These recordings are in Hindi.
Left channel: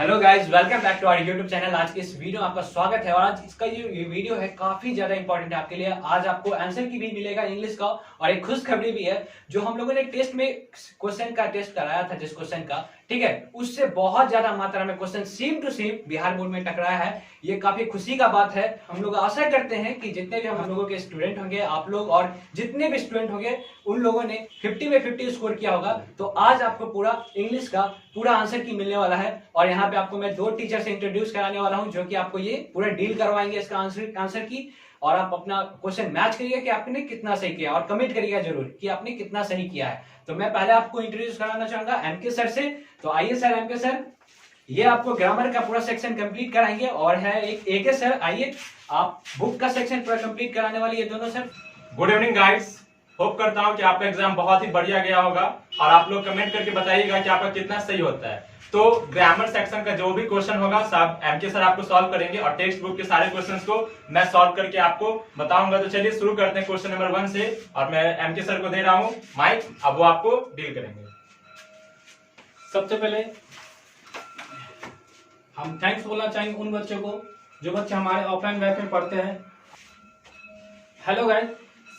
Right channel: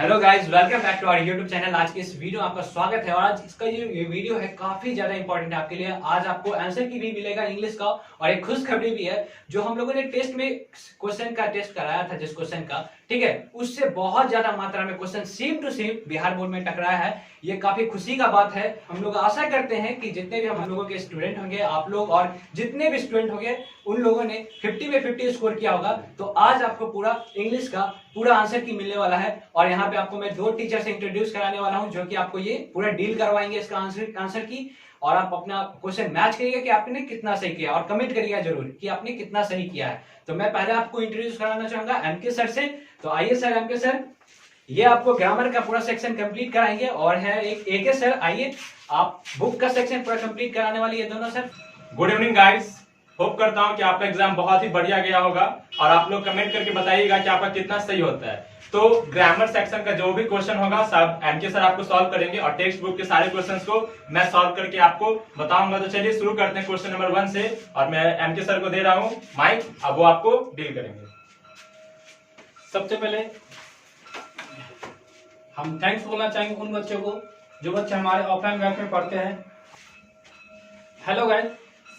Hello guys, welcome back to our YouTube channel. आज के इस वीडियो में आपका स्वागत है और आज इसका ये वीडियो है काफी ज्यादा इंपॉर्टेंट है आपके लिए। आज आपको आंसर की भी मिलेगा इंग्लिश का और एक खुशखबरी भी है। जो हम लोगों ने टेस्ट में क्वेश्चन का टेस्ट कराया था, जिस क्वेश्चन का, ठीक है, उससे बहुत ज्यादा मात्रा में question same to same Bihar board में टकराया है। ये काफी खुशी का बात है। हम लोग आशा करते हैं कि जितने भी हम लोगों के स्टूडेंट होंगे, आप लोग और जितने भी स्टूडेंट होंगे, उन लोगों ने 50 में 50 स्कोर किया होगा। तो आज आपको पूरा इंग्लिश का पूरा आंसर की मिलने वाला है और यहाँ पे आपको मैं दो टीचर से इंट्रोड्यूस कराने वाला हूँ जो कि आपको ये पूरा डील करवाएंगे इसका आंसर की। और आप अपना क्वेश्चन मैच करिएगा कि आपने कितना सही किया और कमेंट करिएगा जरूर कि आपने कितना सही किया है। तो मैं पहले आपको इंट्रोड्यूस कराना चाहूंगा एमके सर से। तो आइए सर, एमके सर, ये आपको ग्रामर का पूरा सेक्शन कंप्लीट कराएंगे। और है एक एके सर, आइए आप बुक का सेक्शन पूरा कंप्लीट कराने वाली ये दोनों sir. Good evening guys, hope करता हूं कि आपका एग्जाम बहुत ही बढ़िया गया होगा और आप लोग कमेंट करके बताइएगा कि आपका कितना सही होता है। तो ग्रामर सेक्शन का जो भी क्वेश्चन होगा सब एमके सर आपको सॉल्व करेंगे और टेक्स्ट बुक के सारे क्वेश्चंस को मैं सॉल्व करके आपको बताऊंगा। तो चलिए शुरू करते हैं क्वेश्चन नंबर 1 से और मैं एमके सर को दे रहा हूं माइक, अब वो आपको डील करेंगे। सबसे पहले हम थैंक्स बोलना चाहेंगे उन बच्चों को जो बच्चे हमारे ऑफलाइन बैच में पढ़ते हैं। हेलो गाइस,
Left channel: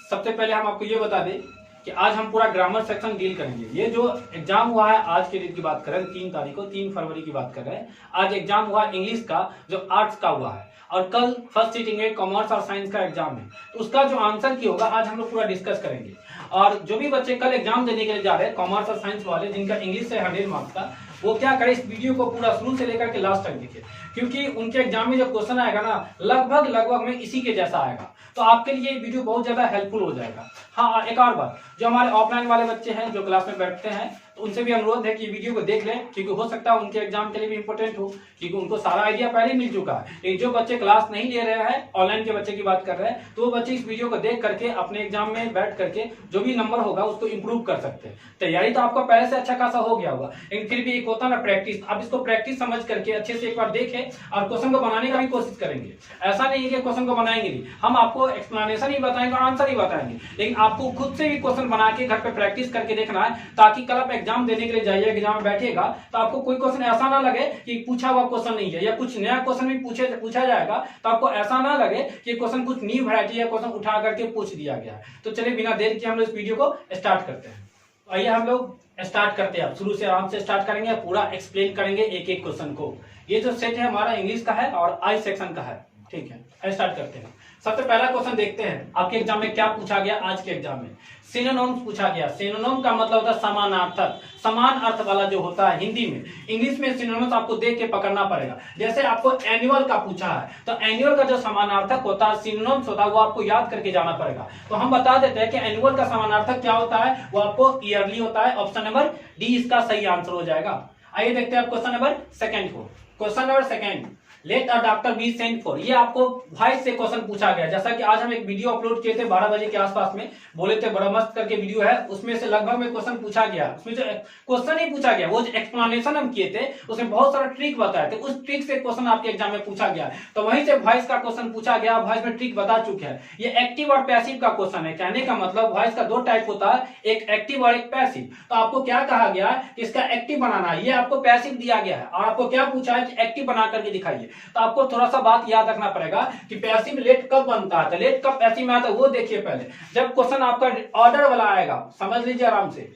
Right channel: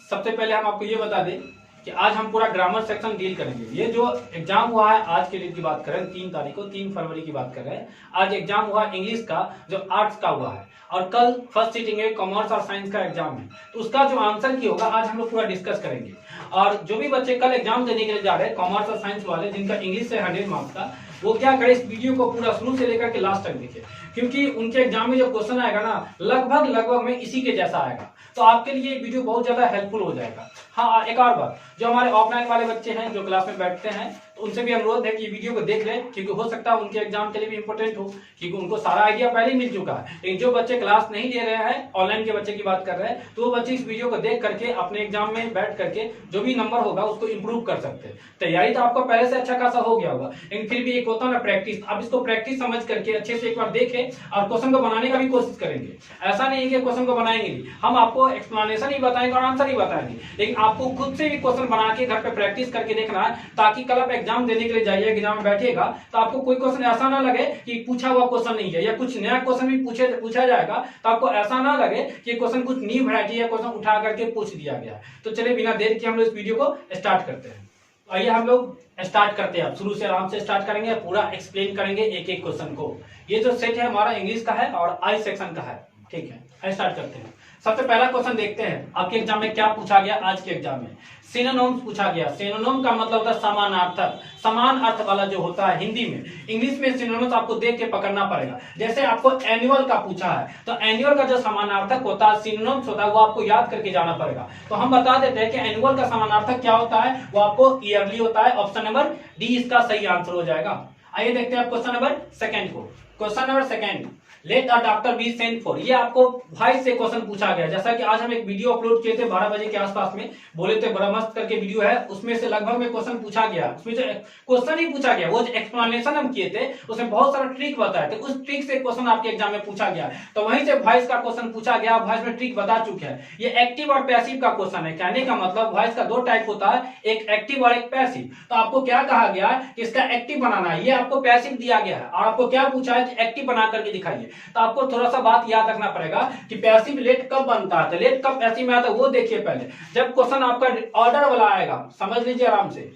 सबसे पहले हम आपको ये बता दें कि आज हम पूरा ग्रामर सेक्शन डील करेंगे। ये जो एग्जाम हुआ है, आज के दिन की बात कर रहे हैं, 3 तारीख को, 3 फरवरी की बात कर रहे हैं। आज एग्जाम हुआ है इंग्लिश का, जो आर्ट्स का हुआ है, और कल फर्स्ट सीटिंग है कॉमर्स और साइंस का एग्जाम है। तो उसका जो आंसर की होगा आज हम लोग पूरा डिस्कस करेंगे। और जो भी बच्चे कल एग्जाम देने के लिए जा रहे हैं, कॉमर्स और साइंस वाले, जिनका इंग्लिश से 100 मार्क्स का, वो क्या करे, इस वीडियो को पूरा शुरू से लेकर के लास्ट तक देखिए, क्योंकि उनके एग्जाम में जो क्वेश्चन आएगा ना, लगभग में इसी के जैसा आएगा। तो आपके लिए ये वीडियो बहुत ज्यादा हेल्पफुल हो जाएगा। हाँ, एक और बात, जो हमारे ऑफलाइन वाले बच्चे हैं जो क्लास में बैठते हैं, तो उनसे भी अनुरोध है कि वीडियो को देख लें, क्योंकि हो सकता है उनके एग्जाम के लिए भी इंपॉर्टेंट हो, क्योंकि उनको सारा आइडिया पहले ही मिल चुका है। लेकिन जो बच्चे क्लास नहीं ले रहे हैं, ऑनलाइन के बच्चे की बात कर रहे हैं, तो वो बच्चे इस वीडियो को देख करके अपने एग्जाम में बैठ करके जो भी नंबर होगा उसको इंप्रूव कर सकते हैं। तैयारी तो आपका पहले से अच्छा खासा हो गया होगा, लेकिन फिर भी एक होता है ना प्रैक्टिस। अब इसको प्रैक्टिस समझ करके अच्छे से एक बार देखें और क्वेश्चन को बनाने का भी कोशिश करेंगे। ऐसा नहीं है कि क्वेश्चन को बनाएंगे ही, हम आपको एक्सप्लेनेशन ही बताएंगे और आंसर ही बताएंगे, लेकिन आपको खुद से भी क्वेश्चन बना के घर पे प्रैक्टिस करके देखना है, ताकि कल आप एग्जाम देने के लिए जाइए, एग्जाम में बैठिएगा तो आपको कोई क्वेश्चन ऐसा ना लगे कि पूछा हुआ क्वेश्चन नहीं है, या कुछ नया क्वेश्चन भी पूछा जाएगा तो आपको ऐसा ना लगे कि क्वेश्चन कुछ न्यू वैरायटी या क्वेश्चन उठा करके पूछ दिया गया है। तो चलिए बिना देर के हम लोग इस वीडियो को स्टार्ट करते हैं। आइए हम लोग स्टार्ट करते हैं। शुरू से आराम से स्टार्ट करेंगे, पूरा एक्सप्लेन करेंगे एक एक क्वेश्चन को। ये जो सेट है हमारा इंग्लिश का है और आई सेक्शन का है, ठीक है। स्टार्ट करते हैं। सबसे पहला क्वेश्चन देखते हैं आपके एग्जाम में क्या पूछा गया। आज के एग्जाम में सिनोनिम्स पूछा गया। सिनोनिम का मतलब होता है समानार्थक, समान अर्थ वाला जो होता है हिंदी में। इंग्लिश में सिनोनिम्स आपको देख के पकड़ना पड़ेगा। जैसे आपको एनुअल का पूछा है, तो एनुअल का जो समानार्थक होता है, सिनोनिम्स होता है, वो आपको याद करके जाना पड़ेगा। तो हम बता देते हैं कि एनुअल का समानार्थक क्या होता है, वो आपको ईयरली होता है। ऑप्शन नंबर डी इसका सही आंसर हो जाएगा। आइए देखते हैं क्वेश्चन नंबर सेकंड को। Question number second, let a doctor be sent for. ये आपको वॉइस से क्वेश्चन पूछा गया। जैसा कि आज हम एक वीडियो अपलोड किए थे 12 बजे के आसपास में, बोले थे बड़ा मस्त करके वीडियो है, उसमें से लगभग में क्वेश्चन पूछा गया। उसमें जो क्वेश्चन ही पूछा गया, वो जो एक्सप्लेनेशन हम किए थे, उसमें बहुत सारा ट्रिक बताए थे। उस ट्रिक से क्वेश्चन आपके एग्जाम में पूछा गया, तो वहीं से वॉइस का क्वेश्चन पूछा गया। वॉइस में ट्रिक बता चुके हैं। ये एक्टिव और पैसिव का क्वेश्चन है। कहने का मतलब वॉइस का 2 टाइप होता है, एक एक्टिव और एक पैसिव। तो आपको क्या कहा गया कि इसका एक्टिव बनाना है, ये आपको पैसिव दिया गया है, और आपको क्या पूछा है एक्टिव बना करके दिखाइए। तो आपको थोड़ा सा बात याद रखना पड़ेगा कि पैसिव लेट कब बनता है। तो लेट कब पैसिव में आता है वो देखिए पहले। जब क्वेश्चन आपका ऑर्डर वाला आएगा, समझ लीजिए आराम से,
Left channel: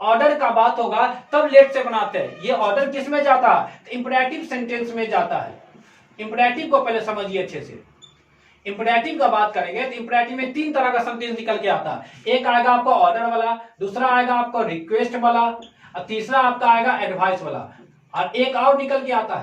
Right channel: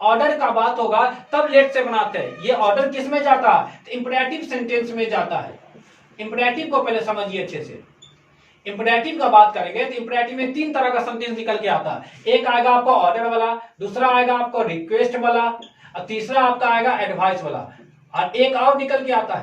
ऑर्डर का बात होगा तब लेट से बनाते हैं। ये ऑर्डर किस में जाता है, तो इंपरेटिव सेंटेंस में जाता है। इंपरेटिव को पहले समझिए अच्छे से। इंपरेटिव का बात करेंगे तो इंपरेटिव में 3 तरह का सेंटेंस निकल के आता है। एक आएगा आपका ऑर्डर वाला, दूसरा आएगा आपका रिक्वेस्ट वाला, और तीसरा आपका आएगा एडवाइस वाला, और एक और निकल के आता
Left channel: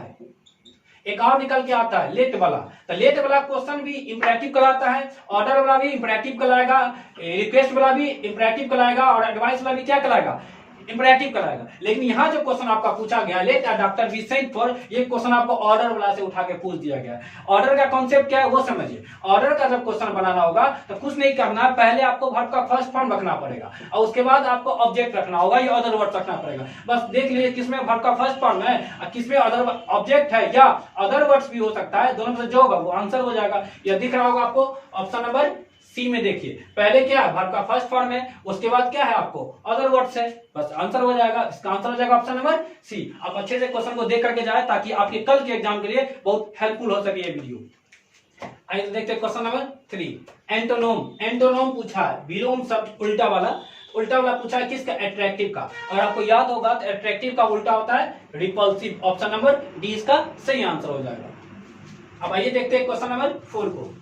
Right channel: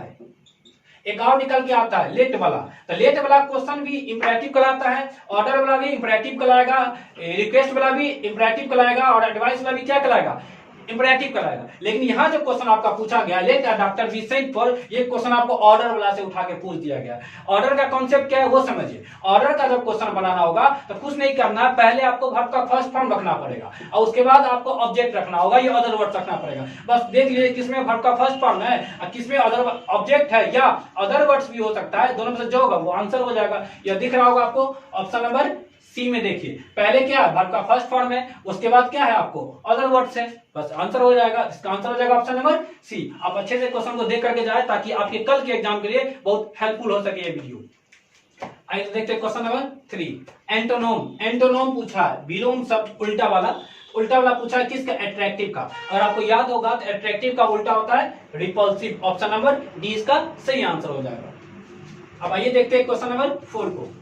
है, लेट वाला। तो लेट वाला क्वेश्चन भी इंपरेटिव कराता है, ऑर्डर वाला भी इंपरेटिव कराएगा, रिक्वेस्ट वाला भी इंपरेटिव कराएगा, और एडवाइस वाला भी क्या कराएगा, इंपरेटिव कराएगा। लेकिन यहाँ जो क्वेश्चन आपका पूछा गया, let a doctor be sent for, ये क्वेश्चन आपको ऑर्डर वाला से उठा के पूछ दिया गया। ऑर्डर का कॉन्सेप्ट क्या है वो समझिए। ऑर्डर का जब क्वेश्चन बनाना होगा तो कुछ नहीं करना, पहले आपको वर्ब का फर्स्ट फॉर्म रखना पड़ेगा, और उसके बाद आपको ऑब्जेक्ट रखना होगा, ये अदर वर्ड रखना पड़ेगा। बस देख लीजिए किसमें वर्ब का फर्स्ट फॉर्म है और किसमें अदर ऑब्जेक्ट है, या अदर वर्ड्स भी हो सकता है। दोनों में से जो होगा वो आंसर हो जाएगा। यह दिख रहा होगा आपको, ऑप्शन नंबर सी में देखिए पहले क्या है, वर्ब का फर्स्ट फॉर्म है, उसके बाद क्या है आपको अदर वर्ड्स है, बस आंसर हो जाएगा। इसका आंसर हो जाएगा ऑप्शन नंबर सी। आप अच्छे से क्वेश्चन को देख करके जाए ताकि आपके कल के एग्जाम के लिए बहुत हेल्पफुल हो सके ये वीडियो। आइए तो देखते हैं क्वेश्चन नंबर 3। एंटोनोम, एंटोनोम पूछा है, विलोम शब्द उल्टा वाला पूछा है किसका, अट्रैक्टिव का। अगर आपको याद होगा तो अट्रैक्टिव का उल्टा होता है रिपल्सिव। ऑप्शन नंबर डी इसका सही आंसर हो जाएगा। अब आइए देखते हैं क्वेश्चन नंबर 4 को।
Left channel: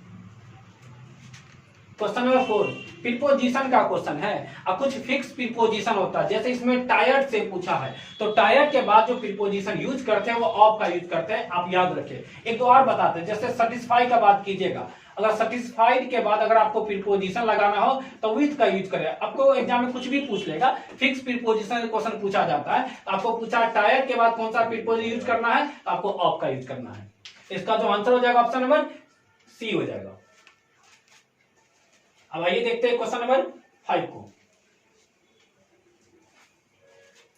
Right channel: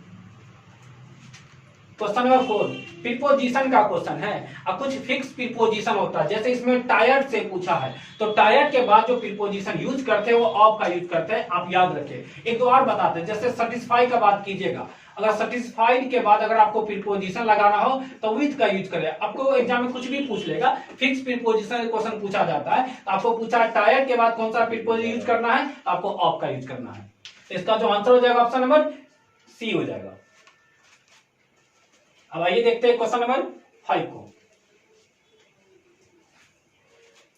क्वेश्चन नंबर 4 प्रीपोजिशन का क्वेश्चन है। अब कुछ फिक्स प्रीपोजिशन होता है, जैसे इसमें टायर्ड से पूछा है तो टायर्ड के बाद जो प्रीपोजिशन यूज करते हैं वो ऑफ का यूज करते हैं, आप याद रखें। एक दो और बताते हैं, जैसे सेटिस्फाई का बात कीजिएगा, अगर सेटिस्फाइड के बाद अगर आपको प्रीपोजिशन लगाना हो तो विथ का यूज करें। आपको एग्जाम में कुछ भी पूछ लेगा, फिक्स प्रीपोजिशन क्वेश्चन पूछा जाता है, आपको पूछा टायर्ड के बाद कौन सा प्रीपोजिशन यूज करना है, आपको ऑफ का यूज करना है। इसका जो आंसर हो जाएगा ऑप्शन नंबर सी हो जाएगा। अब आइए देखते हैं क्वेश्चन नंबर 5 को।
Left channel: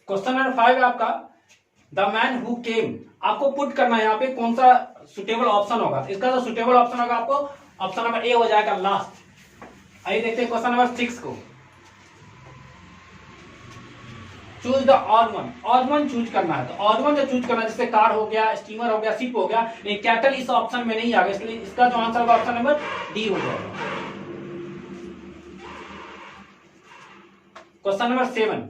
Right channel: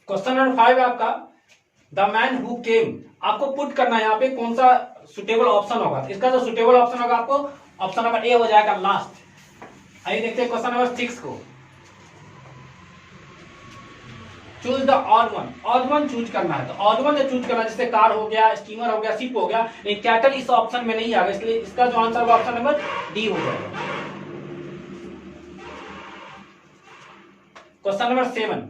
क्वेश्चन नंबर 5 है आपका द मैन हु केम। आपको पुट करना है यहाँ पे कौन सा सुटेबल ऑप्शन होगा। इसका जो सुटेबल ऑप्शन होगा आपको ऑप्शन नंबर ए हो जाएगा लास्ट। आइए देखते हैं क्वेश्चन नंबर 6 को। Choose the odd one, odd one choose करना है। तो ऑड वन जो चूज करना है, जैसे कार हो गया, स्टीमर हो गया, शिप हो गया, नहीं कैटल इस ऑप्शन में नहीं आएगा, इसलिए इसका जो आंसर होगा ऑप्शन नंबर डी हो जाएगा। Question number 7।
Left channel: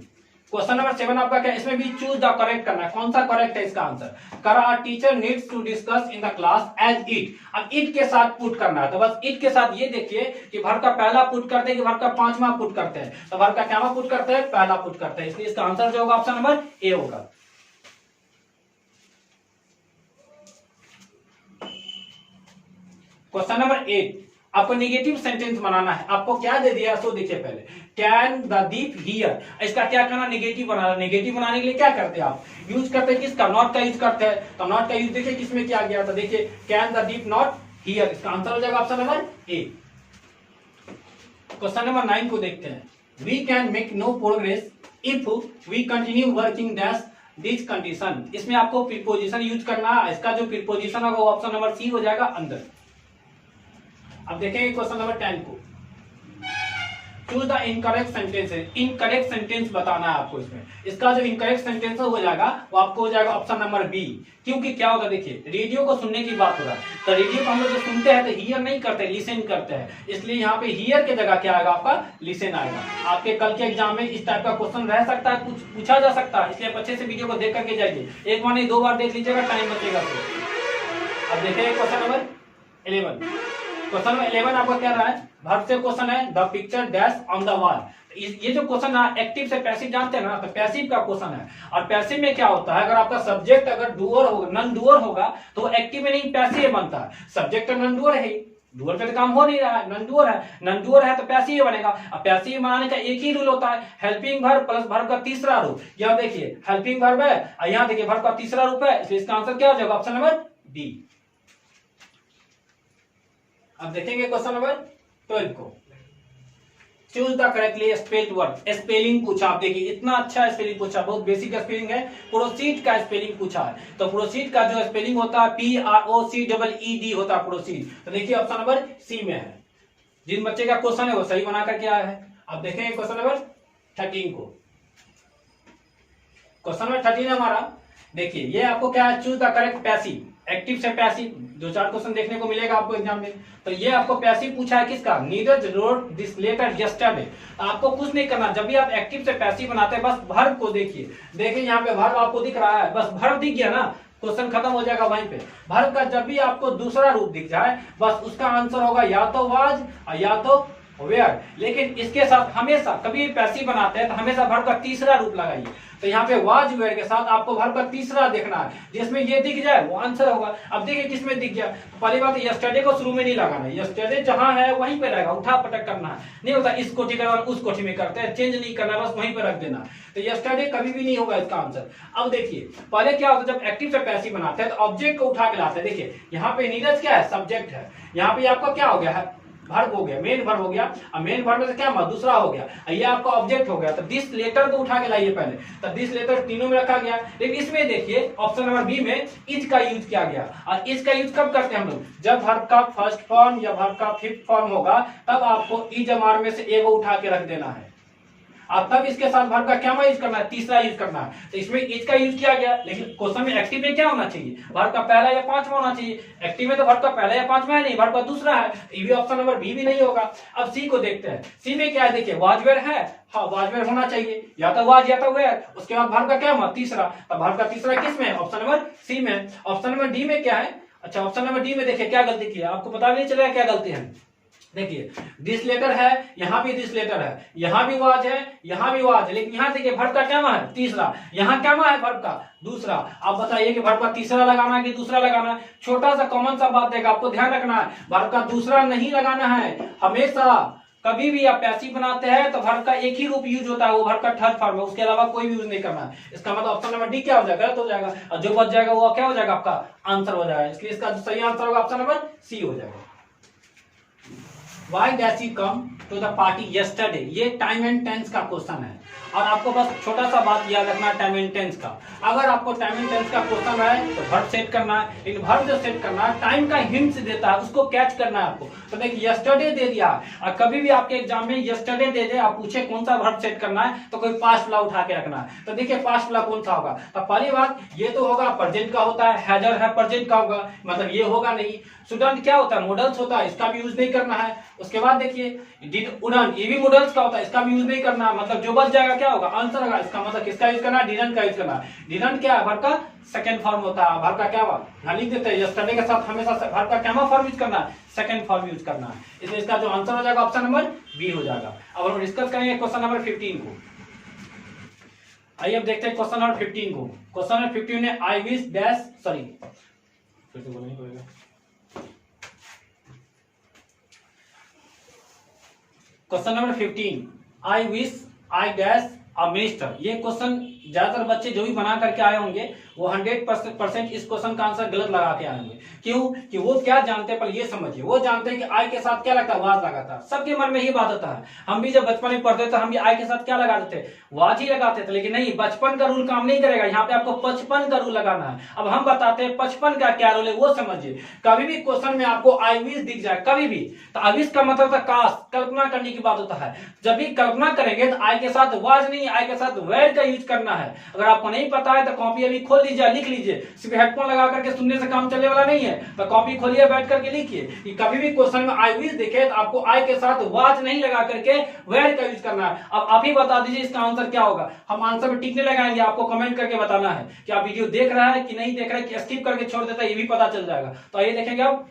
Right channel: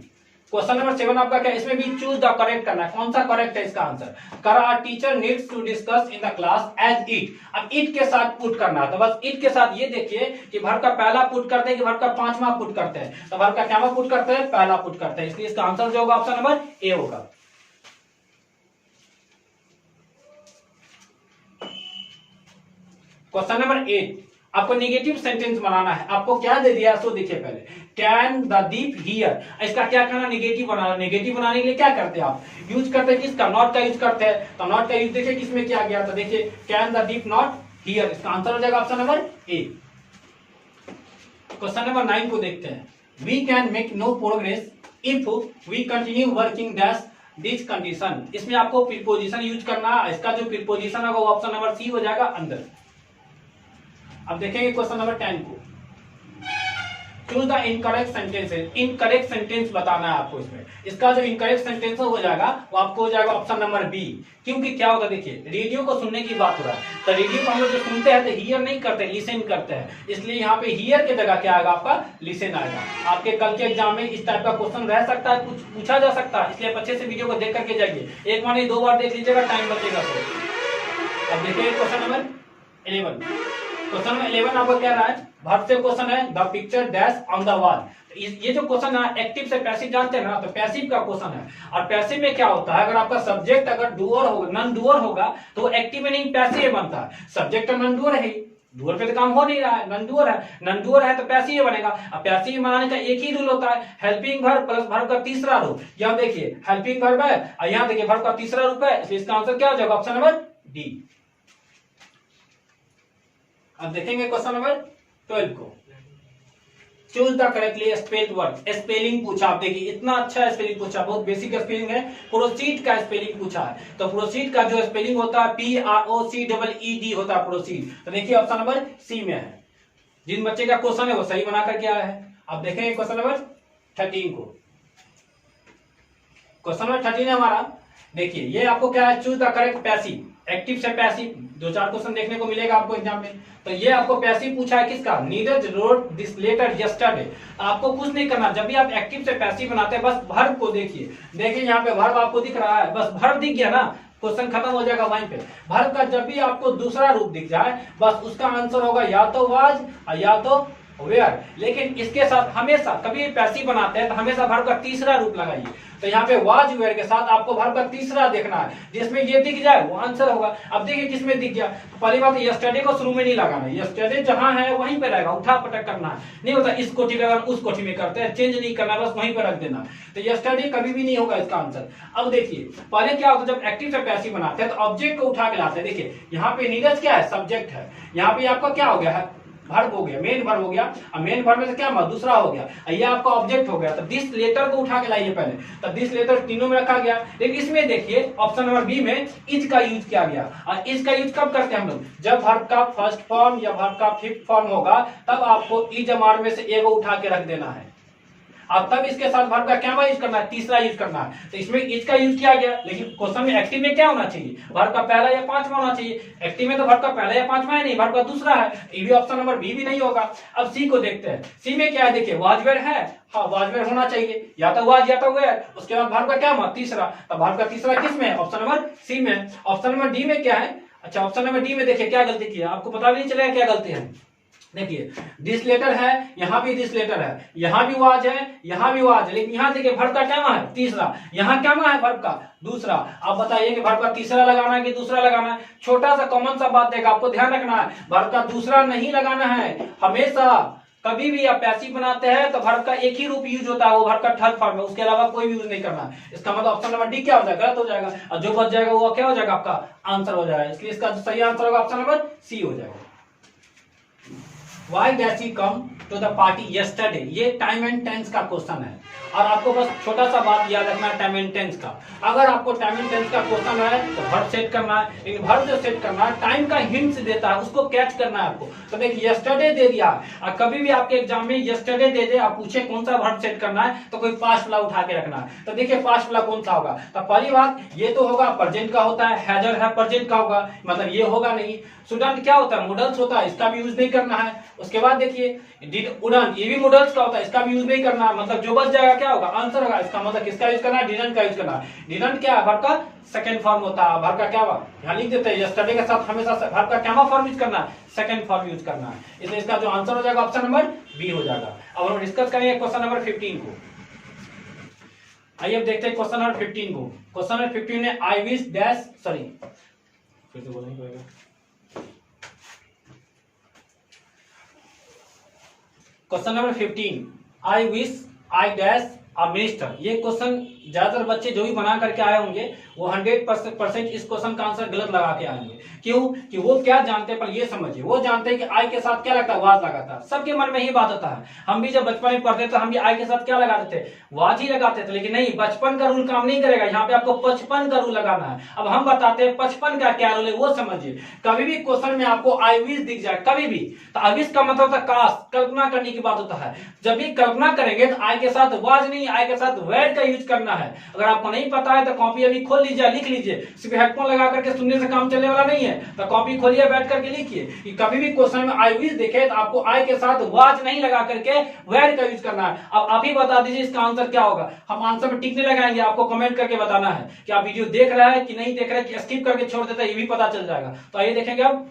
क्वेश्चन नंबर 7 आपका क्या, इसमें भी चूज द करेक्ट करना है, कौन सा करेक्ट है इसका आंसर। कर a teacher needs to discuss in the class as it. अब इट के साथ पुट करना है, तो बस इट के साथ ये देखिए कि वर्ब का पहला पुट करते हैं कि वर्ब का पांचवा पुट करते हैं। तो वर्ब का क्या पुट करते हैं, पहला पुट करते हैं, इसलिए इसका आंसर जो होगा ऑप्शन नंबर ए होगा। क्वेश्चन नंबर 8 आपको नेगेटिव सेंटेंस बनाना है। आपको क्या दे दिया सो देखिए पहले, कैन द दीप हियर, इसका क्या करना, नेगेटिव बनाना। नेगेटिव बनाने के लिए क्या करते हैं आप, यूज करते हैं किसका, नॉट का यूज करते हैं। तो नॉट का यूज देखिए किसमें किया गया, तो देखिए can the deaf not hear, इसका आंसर हो जाएगा option number A. Question number 9 को देखते हैं। We can make no progress if we continue working dash this condition. इसमें आपको प्रीपोजिशन यूज करना है, इसका जो प्रीपोजिशन होगा वो ऑप्शन नंबर सी हो जाएगा अंदर। अब देखेंगे क्वेश्चन नंबर 10 को। Choose the incorrect sentences, incorrect sentence बताना है आपको इसमें। इसका जो इनकरेक्ट सेंटेंस हो जाएगा वो आपको हो जाएगा ऑप्शन नंबर बी। क्योंकि क्या होगा, देखिए रेडियो को सुनने की बात हो रहा है, तो रेडियो को हम लोग जो सुनते हैं तो हियर नहीं करते, लिसन करते हैं, इसलिए यहाँ पे हियर के जगह क्या आएगा आपका, लिसन आएगा। आपके कल के एग्जाम में इस टाइप का क्वेश्चन रह सकता है, कुछ पूछा जा सकता है, इसलिए आप अच्छे से वीडियो को देख करके जाइए। एक बार नहीं 2 बार देख लीजिएगा, टाइम बचेगा तो। अब देखेंगे क्वेश्चन नंबर 11। क्वेश्चन नंबर 11 आपको क्या रहा है, वर्ब से क्वेश्चन है the picture dash on the wall. ये जो क्वेश्चन है एक्टिव से पैसिव जानते हैं ना, तो पैसिव का क्वेश्चन है। और पैसिव में क्या होता है, अगर आपका सब्जेक्ट अगर डूअर होगा, नॉन डूअर होगा तो वो एक्टिव में नहीं पैसिव बनता है। सब्जेक्ट नॉन डूअर है, डूअर पे तो काम हो नहीं रहा है, नॉन डूअर है, नॉन डूअर है तो पैसिव बनेगा। अब पैसिव बनाने का एक ही रूल होता है, हेल्पिंग वर्ब प्लस वर्ब का तीसरा रूप। यहाँ देखिए हेल्पिंग वर्ब है और यहाँ देखिए वर्ब का तीसरा रूप है, इसलिए इसका आंसर क्या हो जाएगा, ऑप्शन नंबर डी। अब देखेंगे क्वेश्चन नंबर 12 को। Choose the correctly spelled word, spelling पूछा। आप देखिए इतना अच्छा स्पेलिंग पूछा, बहुत बेसिक स्पेलिंग है। प्रोसीड का स्पेलिंग पूछा है, तो प्रोसीड का जो स्पेलिंग होता है PROCEED होता है प्रोसीड। तो देखिए ऑप्शन नंबर सी में है। जिन बच्चे का क्वेश्चन है वो सही बना करके आया है। अब देखेंगे क्वेश्चन नंबर 13 को। क्वेश्चन नंबर 13 है हमारा, देखिए ये आपको क्या है, choose the correct passive. Active से पैसिव 2-4 क्वेश्चन देखने को मिलेगा आपको एग्जाम में। तो ये आपको पैसिव पूछा है किसका, Neeraj wrote this letter yesterday. आपको कुछ नहीं करना, जब भी आप एक्टिव से पैसिव बनाते हैं बस वर्ब को देखिए यहाँ पे वर्ब आपको दिख रहा है, बस वर्ब दिख गया ना, क्वेश्चन खत्म हो जाएगा वहीं पे। वर्ब का जब भी आपको दूसरा रूप दिख जाए बस उसका आंसर होगा या तो वाज या तो वेयर। लेकिन इसके साथ हमेशा कभी पैसिव बनाते हैं तो हमेशा वर्ब का तीसरा रूप लगाइए। तो यहाँ पे वाज वेयर के साथ आपको वर्ब का तीसरा देखना है, जिसमें ये दिख जाए वो आंसर होगा। अब देखिए किसमें दिख गया, तो पहली बात यस्टरडे को शुरू में नहीं लगाना है, यस्टरडे जहां है वहीं पे रहेगा, उठा पटक करना है नहीं होता। इस कोठी का उस कोठी में करते हैं, चेंज नहीं करना, बस वहीं पे रख देना। तो यस्टरडे कभी भी नहीं होगा इसका आंसर। अब देखिए पहले क्या होता है, जब एक्टिव से पैसिव बनाते हैं तो ऑब्जेक्ट को उठा के लाते हैं। देखिए यहाँ पे नीरज क्या है, सब्जेक्ट है, यहाँ पे आपका क्या हो गया है, वर्ब हो गया, मेन वर्ब हो गया। अब मेन वर्ब में से क्या दूसरा हो गया, ये आपका ऑब्जेक्ट हो गया। तो दिस लेटर को उठा के लाइए पहले, तो दिस लेटर तीनों में रखा गया। लेकिन इसमें देखिए ऑप्शन नंबर बी में इज का यूज किया गया। और इज का यूज कब करते हैं हम लोग, जब वर्ब का फर्स्ट फॉर्म या वर्ब का फिफ्थ फॉर्म होगा, तब आपको इज एमआर में से एगो उठा के रख देना है। अब तब इसके साथ वर्ब का क्या यूज करना है, तीसरा यूज करना है। तो इसमें इज का यूज किया गया, लेकिन क्वेश्चन में एक्टिव में क्या होना चाहिए, वर्ब का पहला या पांचवा होना चाहिए। एक्टिव में तो वर्ब का पहला या पांचवा है नहीं, वर्ब का दूसरा है। ये भी ऑप्शन नंबर बी भी नहीं होगा। अब सी को देखते हैं, सी में क्या है, देखिए वाज वेयर है, हाँ वाज वेयर होना चाहिए, या तो वाज या तो वेयर। उसके बाद वर्ब का क्या हुआ, तीसरा। तो वर्ब का तीसरा किस में, ऑप्शन नंबर सी में। ऑप्शन नंबर डी में क्या है, अच्छा ऑप्शन नंबर डी में देखिए क्या गलती की है, आपको पता भी नहीं चलेगा क्या गलती है। देखिए दिस लेटर है, यहाँ भी दिस लेटर है, यहाँ भी वाज है, यहाँ भी वाज है, लेकिन यहाँ देखिए वर्ब का क्या है, तीसरा। यहाँ क्या है, वर्ब का दूसरा। आप बताइए कि वर्ब का तीसरा लगाना है कि दूसरा लगाना है। छोटा सा कॉमन सा बात देगा, आपको ध्यान रखना है, वर्ब का दूसरा नहीं लगाना है। हमेशा कभी भी आप पैसिव बनाते हैं तो वर्ब का एक ही रूप यूज होता है, वो वर्ब का थर्ड फॉर्म है, उसके अलावा कोई भी यूज नहीं करना है। इसका मतलब ऑप्शन नंबर डी क्या हो जाएगा, गलत हो जाएगा। और जो बच जाएगा वो क्या हो जाएगा, आपका आंसर हो जाएगा। इसलिए इसका जो सही आंसर होगा ऑप्शन नंबर सी हो जाएगा। Why does he come to the party yesterday? ये टाइम एंड टेंस का क्वेश्चन है, और आपको बस छोटा सा बात याद रखना है टाइम एंड टेंस का। अगर आपको टाइम एंड टेंस का क्वेश्चन है तो वर्ब सेट करना है, लेकिन वर्ब जो सेट करना है टाइम का हिंट देता है, उसको कैच करना है आपको। तो देखिए यस्टरडे दे दिया, और कभी भी आपके एग्जाम में यस्टरडे दे दे, आप पूछे कौन सा वर्ब सेट करना है, तो कोई पास्ट वाला उठा के रखना है। तो देखिए पास्ट वाला कौन सा होगा, तो पहली बात ये तो होगा प्रेजेंट का होता है, हैजर है प्रेजेंट का होगा, मतलब ये होगा नहीं। स्टूडेंट क्या होता है, मॉडल्स होता है, इसका भी यूज नहीं करना है। उसके बाद देखिए डिड उड़न, ये भी मॉडल्स का होता है, इसका भी यूज नहीं करना है। मतलब जो बच जाएगा क्या होगा, आंसर होगा। इसका मतलब किसका यूज करना है, डिडंट का यूज करना है। डिडंट क्या है, वर्ब का सेकंड फॉर्म होता है। वर्ब का क्या हुआ, यहाँ लिख देते हैं, यस्टरडे के साथ हमेशा वर्ब का क्या फॉर्म यूज करना है, सेकंड फॉर्म यूज करना है। इसलिए इसका जो आंसर हो जाएगा ऑप्शन नंबर बी हो जाएगा। अब हम डिस्कस करेंगे क्वेश्चन नंबर 15 को। आइए अब देखते हैं क्वेश्चन नंबर 15 को। क्वेश्चन नंबर 15 में आई विश डैश, सॉरी फिर से बोलना ही पड़ेगा। Question number 15, I wish I dash a minister. ये क्वेश्चन ज्यादातर बच्चे जो भी बना करके आए होंगे वो 100% इस क्वेश्चन का आंसर गलत लगा के आएंगे। क्यों कि वो क्या जानते हैं, पर ये समझिए, वो जानते हैं कि आई के साथ क्या लगता है, वाज लगाता है। सबके मन में ही बात होता है। हम भी जब बचपन में पढ़ते थे हम भी आई के साथ क्या लगाते थे, वाज ही लगाते थे। लेकिन नहीं, बचपन का रूल काम नहीं करेगा, यहाँ पे आपको 55 का रूल लगाना है। अब हम बताते हैं 55 का क्या रूल है वो समझिए। कभी भी क्वेश्चन में आपको आई विश दिख जाए कभी भी, तो आई विश का मतलब होता है काश, कल्पना करने की बात होता है। जब भी कल्पना करेंगे तो आई के साथ वाज नहीं, आई के साथ वेयर का यूज करना है। अगर आपको नहीं पता है तो कॉपी अभी खोल लीजिए, लिख लीजिए। सिर्फ हेडफोन लगा करके सुनने से काम चलने वाला नहीं है, तो कॉपी खोलिए, बैठ करके लिखिए कि कभी भी क्वेश्चन में आई विश दिखे तो आपको आई के साथ वाज नहीं लगा करके वेयर का यूज करना है। अब आप ही बता दीजिए इसका आंसर क्या होगा। हम आंसर में टिक नहीं लगाएंगे, आपको कमेंट करके बताना है कि आप वीडियो देख रहा है कि नहीं देख रहा है, कि स्किप करके छोड़ देता है, ये भी पता चल जाएगा। तो आइए देखेंगे अब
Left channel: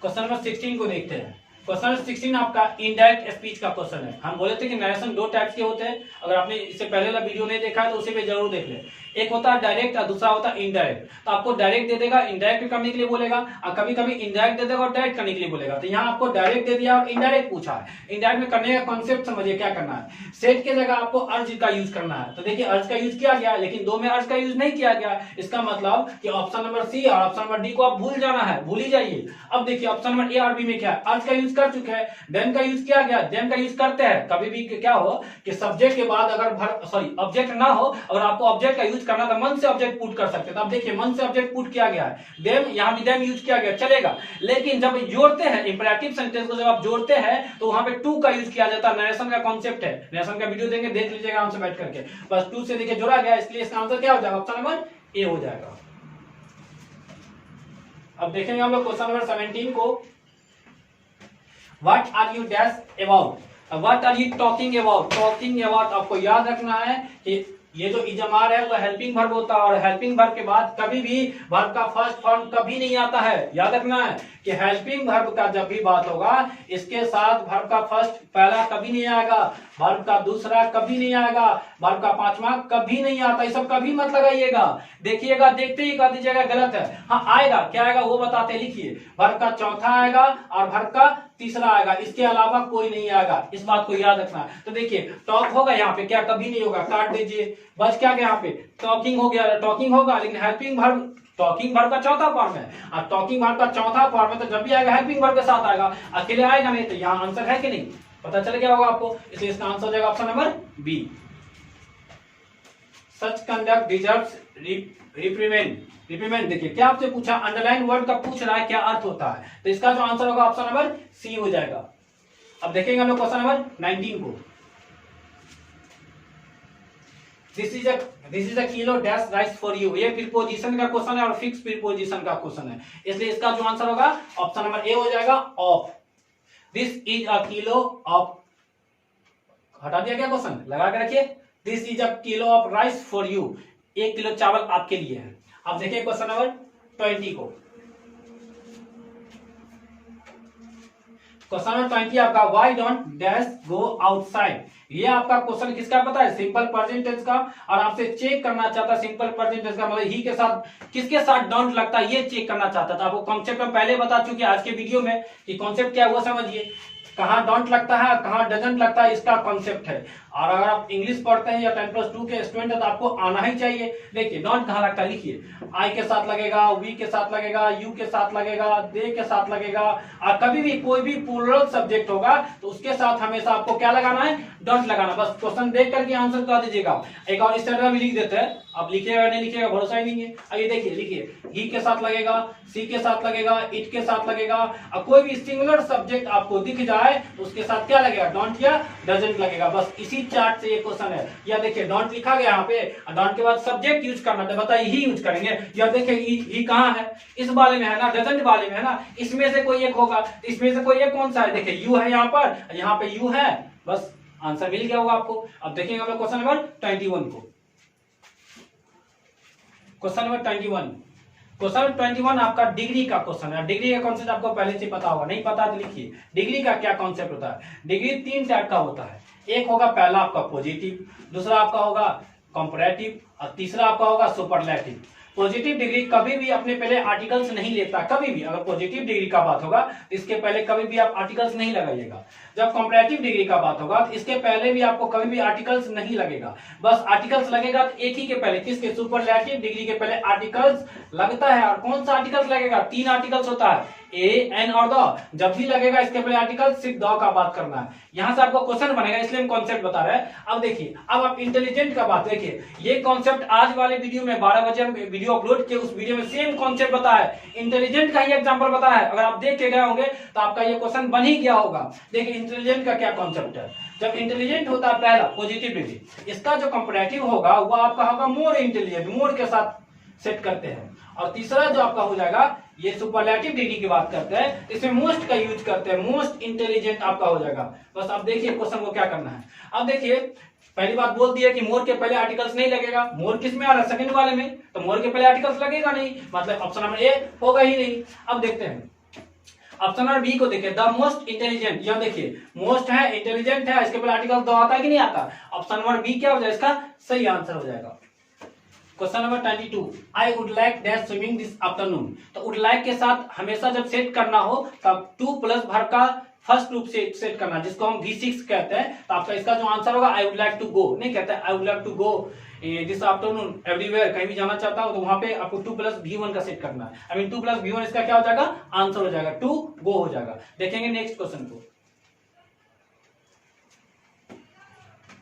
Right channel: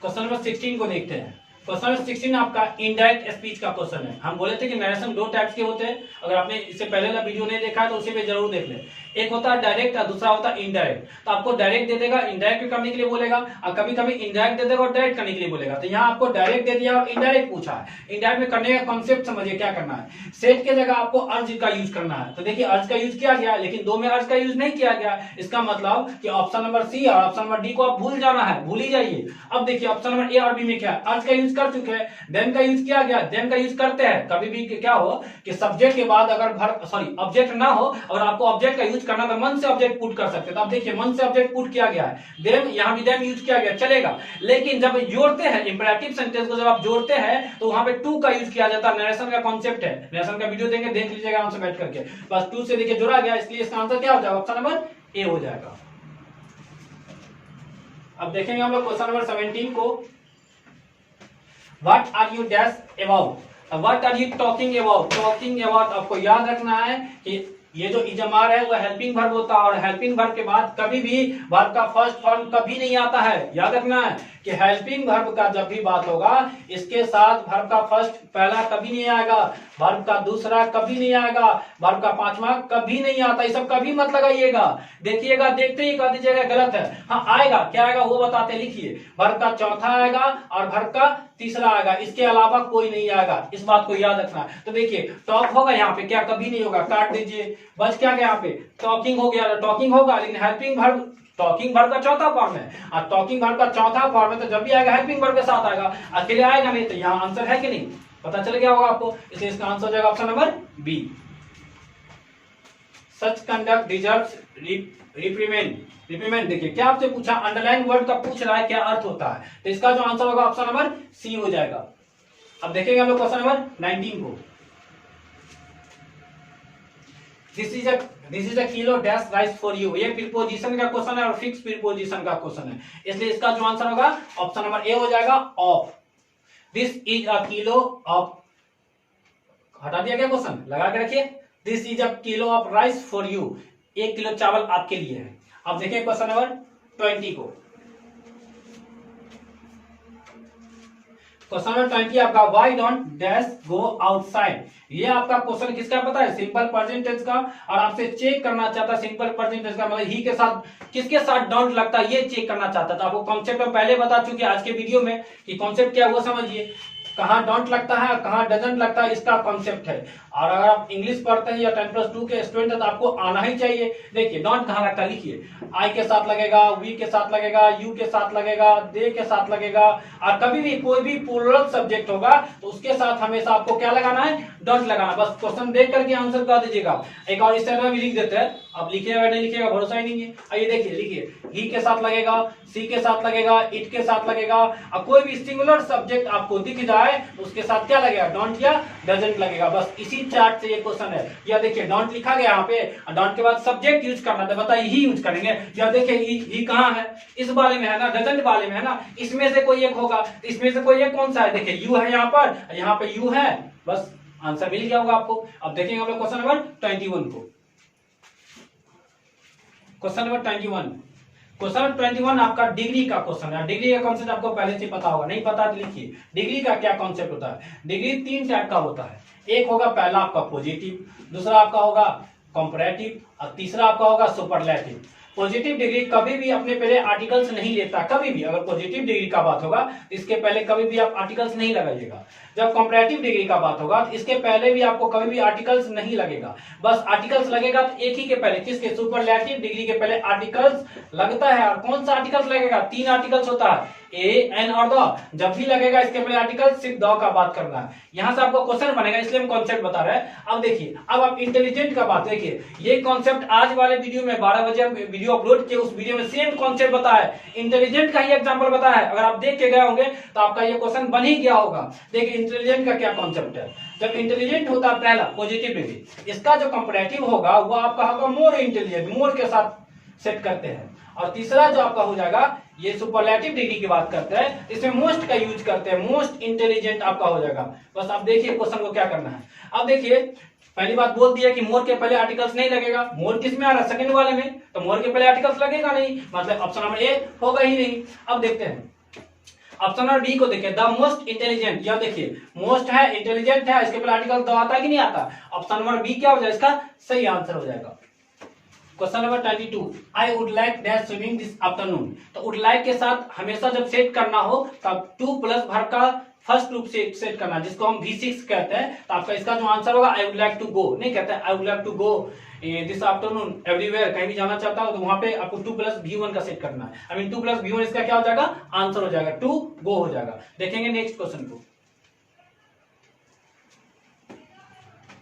क्वेश्चन नंबर 16 को देखते हैं। क्वेश्चन नंबर 16 आपका इनडायरेक्ट स्पीच का क्वेश्चन है। हम बोले थे कि नरेशन दो टाइप्स के होते हैं। अगर आपने इससे पहले वाला वीडियो नहीं देखा है तो उसे भी जरूर देख ले। एक होता है डायरेक्ट और दूसरा होता है इनडायरेक्ट। तो आपको डायरेक्ट दे देगा, इनडायरेक्ट करने के लिए बोलेगा, और कभी कभी इनडायरेक्ट दे देगा और डायरेक्ट करने के लिए बोलेगा। तो यहाँ आपको डायरेक्ट दे दिया और इनडायरेक्ट पूछा है। इनडायरेक्ट में करने का कॉन्सेप्ट समझिए क्या करना है। सेट के जगह आपको अर्ज का यूज करना है। तो देखिए अर्ज का यूज किया गया, लेकिन दो में अर्ज का यूज नहीं किया गया। इसका मतलब कि ऑप्शन नंबर सी और ऑप्शन नंबर डी को आप भूल जाना है, भूल ही जाइए। अब देखिए ऑप्शन नंबर ए और बी में क्या है, अर्ज का यूज कर चुके हैं, देन का यूज किया गया, देन का यूज करते हैं। कभी भी क्या हो कि सब्जेक्ट के बाद अगर ऑब्जेक्ट ना हो, अगर आपको ऑब्जेक्ट का यूज करना तो मन से ऑब्जेक्ट पुट कर सकते हैं। तो आप देखिए मन से ऑब्जेक्ट पुट किया गया है, देन यहां भी देन यूज किया गया, चलेगा। लेकिन जब जोड़ते हैं इंपरेटिव सेंटेंस को, जब आप जोड़ते हैं तो वहां पे टू का यूज किया जाता है। नरेशन का कॉन्सेप्ट है, नरेशन का वीडियो देंगे, देख लीजिएगा आराम से बैठ करके। बस टू से देखिए जोड़ा गया, इसलिए इसका आंसर क्या हो जाएगा, ऑप्शन नंबर ए हो जाएगा। अब देखेंगे हम लोग क्वेश्चन नंबर 17 को। What are you dash about, what are you talking about. Talking about आपको याद रखना है कि ये जो इजमार है वो हेल्पिंग वर्ब होता है, और हेल्पिंग वर्ब के बाद कभी भी वर्ब का फर्स्ट फॉर्म कभी नहीं आता है। याद रखना है कि हेल्पिंग वर्ब का जब भी बात होगा इसके साथ वर्ब का फर्स्ट पहला कभी नहीं आएगा, वर्ब का दूसरा कभी नहीं आएगा, वर्ब का पांचवा कभी नहीं आता। ये सब कभी मत लगाइएगा, देखिएगा, देखते ही कर दीजिएगा गलत है। हाँ आएगा, क्या आएगा वो बताते, लिखिए। वर्ब का चौथा आएगा और वर्ब का तीसरा आएगा, इसके अलावा कोई नहीं आएगा, इस बात को याद रखना है। तो देखिए टॉक होगा यहाँ पे, क्या कभी नहीं होगा, काट दीजिए। बस क्या गया यहाँ पे, टॉकिंग हो गया, टॉकिंग होगा, लेकिन हेल्पिंग वर्ब टॉकिंग वर्ब का चौथा फॉर्म है, और टॉकिंग वर्ब का चौथा फॉर्म है तो जब भी आएगा हेल्पिंग वर्ब के साथ आएगा, अकेले आएगा नहीं। तो यहाँ आंसर है कि नहीं, पता चल गया होगा आपको, इसलिए इसका आंसर हो जाएगा ऑप्शन नंबर बी। सच कंडक्ट डिजर्व्स रिप्रीमेंड। रिप्रीमेंड देखिए क्या आपसे पूछा, अंडरलाइन वर्ड का पूछ रहा है क्या अर्थ होता है, तो इसका जो आंसर होगा ऑप्शन नंबर सी हो जाएगा। अब देखेंगे हम लोग क्वेश्चन नंबर 19 को। This is a kilo dash rice for you. ये प्रीपोजिशन का क्वेश्चन है और फिक्स प्रीपोजिशन का क्वेश्चन है, इसलिए इसका जो आंसर होगा ऑप्शन नंबर ए हो जाएगा of. This is a kilo of, हटा दिया क्या क्वेश्चन, लगा के रखिए। This is a kilo of rice for you, 1 kilo चावल आपके लिए है। अब देखिए क्वेश्चन नंबर 20 को। क्वेश्चन नंबर 20 आपका why don't dash go outside. ये आपका क्वेश्चन किसका पता है, सिंपल प्रेजेंट टेंस का, और आपसे चेक करना चाहता है सिंपल प्रेजेंट टेंस का मतलब ही के साथ किसके साथ डोंट लगता है, ये चेक करना चाहता था। आपको कॉन्सेप्ट में पहले बता चुके आज के वीडियो में कि कॉन्सेप्ट क्या है वो समझिए, कहाँ डोंट लगता है कहाँ डजंट लगता है, इसका कॉन्सेप्ट है। और अगर आप इंग्लिश पढ़ते हैं या 10+2 के स्टूडेंट है तो आपको आना ही चाहिए। देखिए डोंट कहाँ लगता है, लिखिए आई के साथ लगेगा, वी के साथ लगेगा, यू के साथ लगेगा, दे के साथ लगेगा, और कभी भी कोई भी प्लूरल सब्जेक्ट होगा तो उसके साथ हमेशा आपको क्या लगाना है, डोंट लगाना। बस क्वेश्चन देख करके आंसर कर दीजिएगा। एक और इस तरह भी लिख देते हैं, आप लिखिएगा नहीं लिखिएगा भरोसा ही नहीं है। आइए देखिए, लिखिए ही के साथ लगेगा, सी के साथ लगेगा, इट के साथ लगेगा, और कोई भी सिंगुलर सब्जेक्ट आपको दिख जाए तो उसके साथ क्या लगेगा, डोंट या डजंट लगेगा। बस इसी चार्ट से ये क्वेश्चन है। या देखिए डोंट लिखा गया यहाँ पे, डोंट के बाद सब्जेक्ट यूज करना था, बताइए ही यूज करेंगे। या देखिए ही कहाँ है, इस वाले में है ना, डजंट वाले में है ना, इसमें से कोई एक होगा, इसमें से कोई एक कौन सा है, देखिए यू है यहाँ पर, यहाँ पे यू है, बस आंसर मिल गया होगा आपको। अब देखेंगे हम लोग क्वेश्चन नंबर 21 को। क्वेश्चन नंबर 21, क्वेश्चन नंबर 21 आपका डिग्री का क्वेश्चन है। डिग्री का कॉन्सेप्ट आपको पहले से पता होगा, नहीं पता तो लिखिए डिग्री का क्या कॉन्सेप्ट होता है। डिग्री 3 टाइप का होता है, एक होगा पहला आपका पॉजिटिव, दूसरा आपका होगा कंपैरेटिव, और तीसरा आपका होगा सुपरलेटिव। पॉजिटिव डिग्री कभी भी अपने पहले आर्टिकल्स नहीं लेता, कभी भी। अगर पॉजिटिव डिग्री का बात होगा इसके पहले कभी भी आप आर्टिकल्स नहीं लगाइएगा। जब कंपैरेटिव डिग्री का बात होगा तो इसके पहले भी आपको कभी भी आर्टिकल्स नहीं लगेगा। बस आर्टिकल्स लगेगा तो एक ही के पहले, किसके, सुपरलेटिव डिग्री के पहले आर्टिकल्स लगता है। और कौन सा आर्टिकल्स लगेगा, 3 आर्टिकल्स होता है, ए, एन और द। जब भी लगेगा इसके पहले आर्टिकल सिर्फ द का बात करना है। यहां से आपको क्वेश्चन बनेगा, इसलिए हम कॉन्सेप्ट बता रहे हैं। अब देखिए, अब आप इंटेलिजेंट का बात देखिए, ये कॉन्सेप्ट आज वाले वीडियो में 12 बजे वीडियो अपलोड किए, उस वीडियो में सेम कॉन्सेप्ट बताया है, इंटेलिजेंट का ही एग्जांपल बताया है। अगर आप देख के गए होंगे तो आपका ये क्वेश्चन बन ही गया होगा। देखिए इंटेलिजेंट का क्या कॉन्सेप्ट है। जब इंटेलिजेंट होता है पहला पॉजिटिव डिग्री, इसका जो कंपैरेटिव होगा वो आपका होगा मोर इंटेलिजेंट, मोर के साथ सेट करते हैं। और तीसरा जो आपका हो जाएगा, ये सुपरलेटिव डिग्री की बात करते हैं, इसमें मोस्ट का यूज करते हैं, मोस्ट इंटेलिजेंट आपका हो जाएगा। बस आप देखिए क्वेश्चन को क्या करना है। अब देखिए पहली बात बोल दिया कि मोर के पहले आर्टिकल्स नहीं लगेगा। मोर किस में आ रहा है, सेकंड वाले में, तो मोर के पहले आर्टिकल्स लगेगा नहीं, मतलब ऑप्शन नंबर ए होगा ही नहीं। अब देखते हैं ऑप्शन नंबर बी को, देखिए द मोस्ट इंटेलिजेंट। यह देखिए मोस्ट है, इंटेलिजेंट है, इसके पहले आर्टिकल द आता है कि नहीं आता। ऑप्शन नंबर बी क्या हो जाएगा, इसका सही आंसर हो जाएगा। Question number 22, I would like that swimming this afternoon. तो वुड लाइक के साथ हमेशा जब सेट करना हो तब टू प्लस वर्ब का फर्स्ट ग्रुप से सेट करना, जिसको हम V6 कहते हैं। तो आपका इसका जो आंसर होगा, I would like to go नहीं कहते हैं, I would like to go this afternoon everywhere, कहीं भी जाना चाहता हूं तो वहां पे आपको 2 + V1 का सेट करना है। आई मीन 2 + V1 इसका क्या हो जाएगा, आंसर हो जाएगा, टू गो हो जाएगा। देखेंगे नेक्स्ट क्वेश्चन को।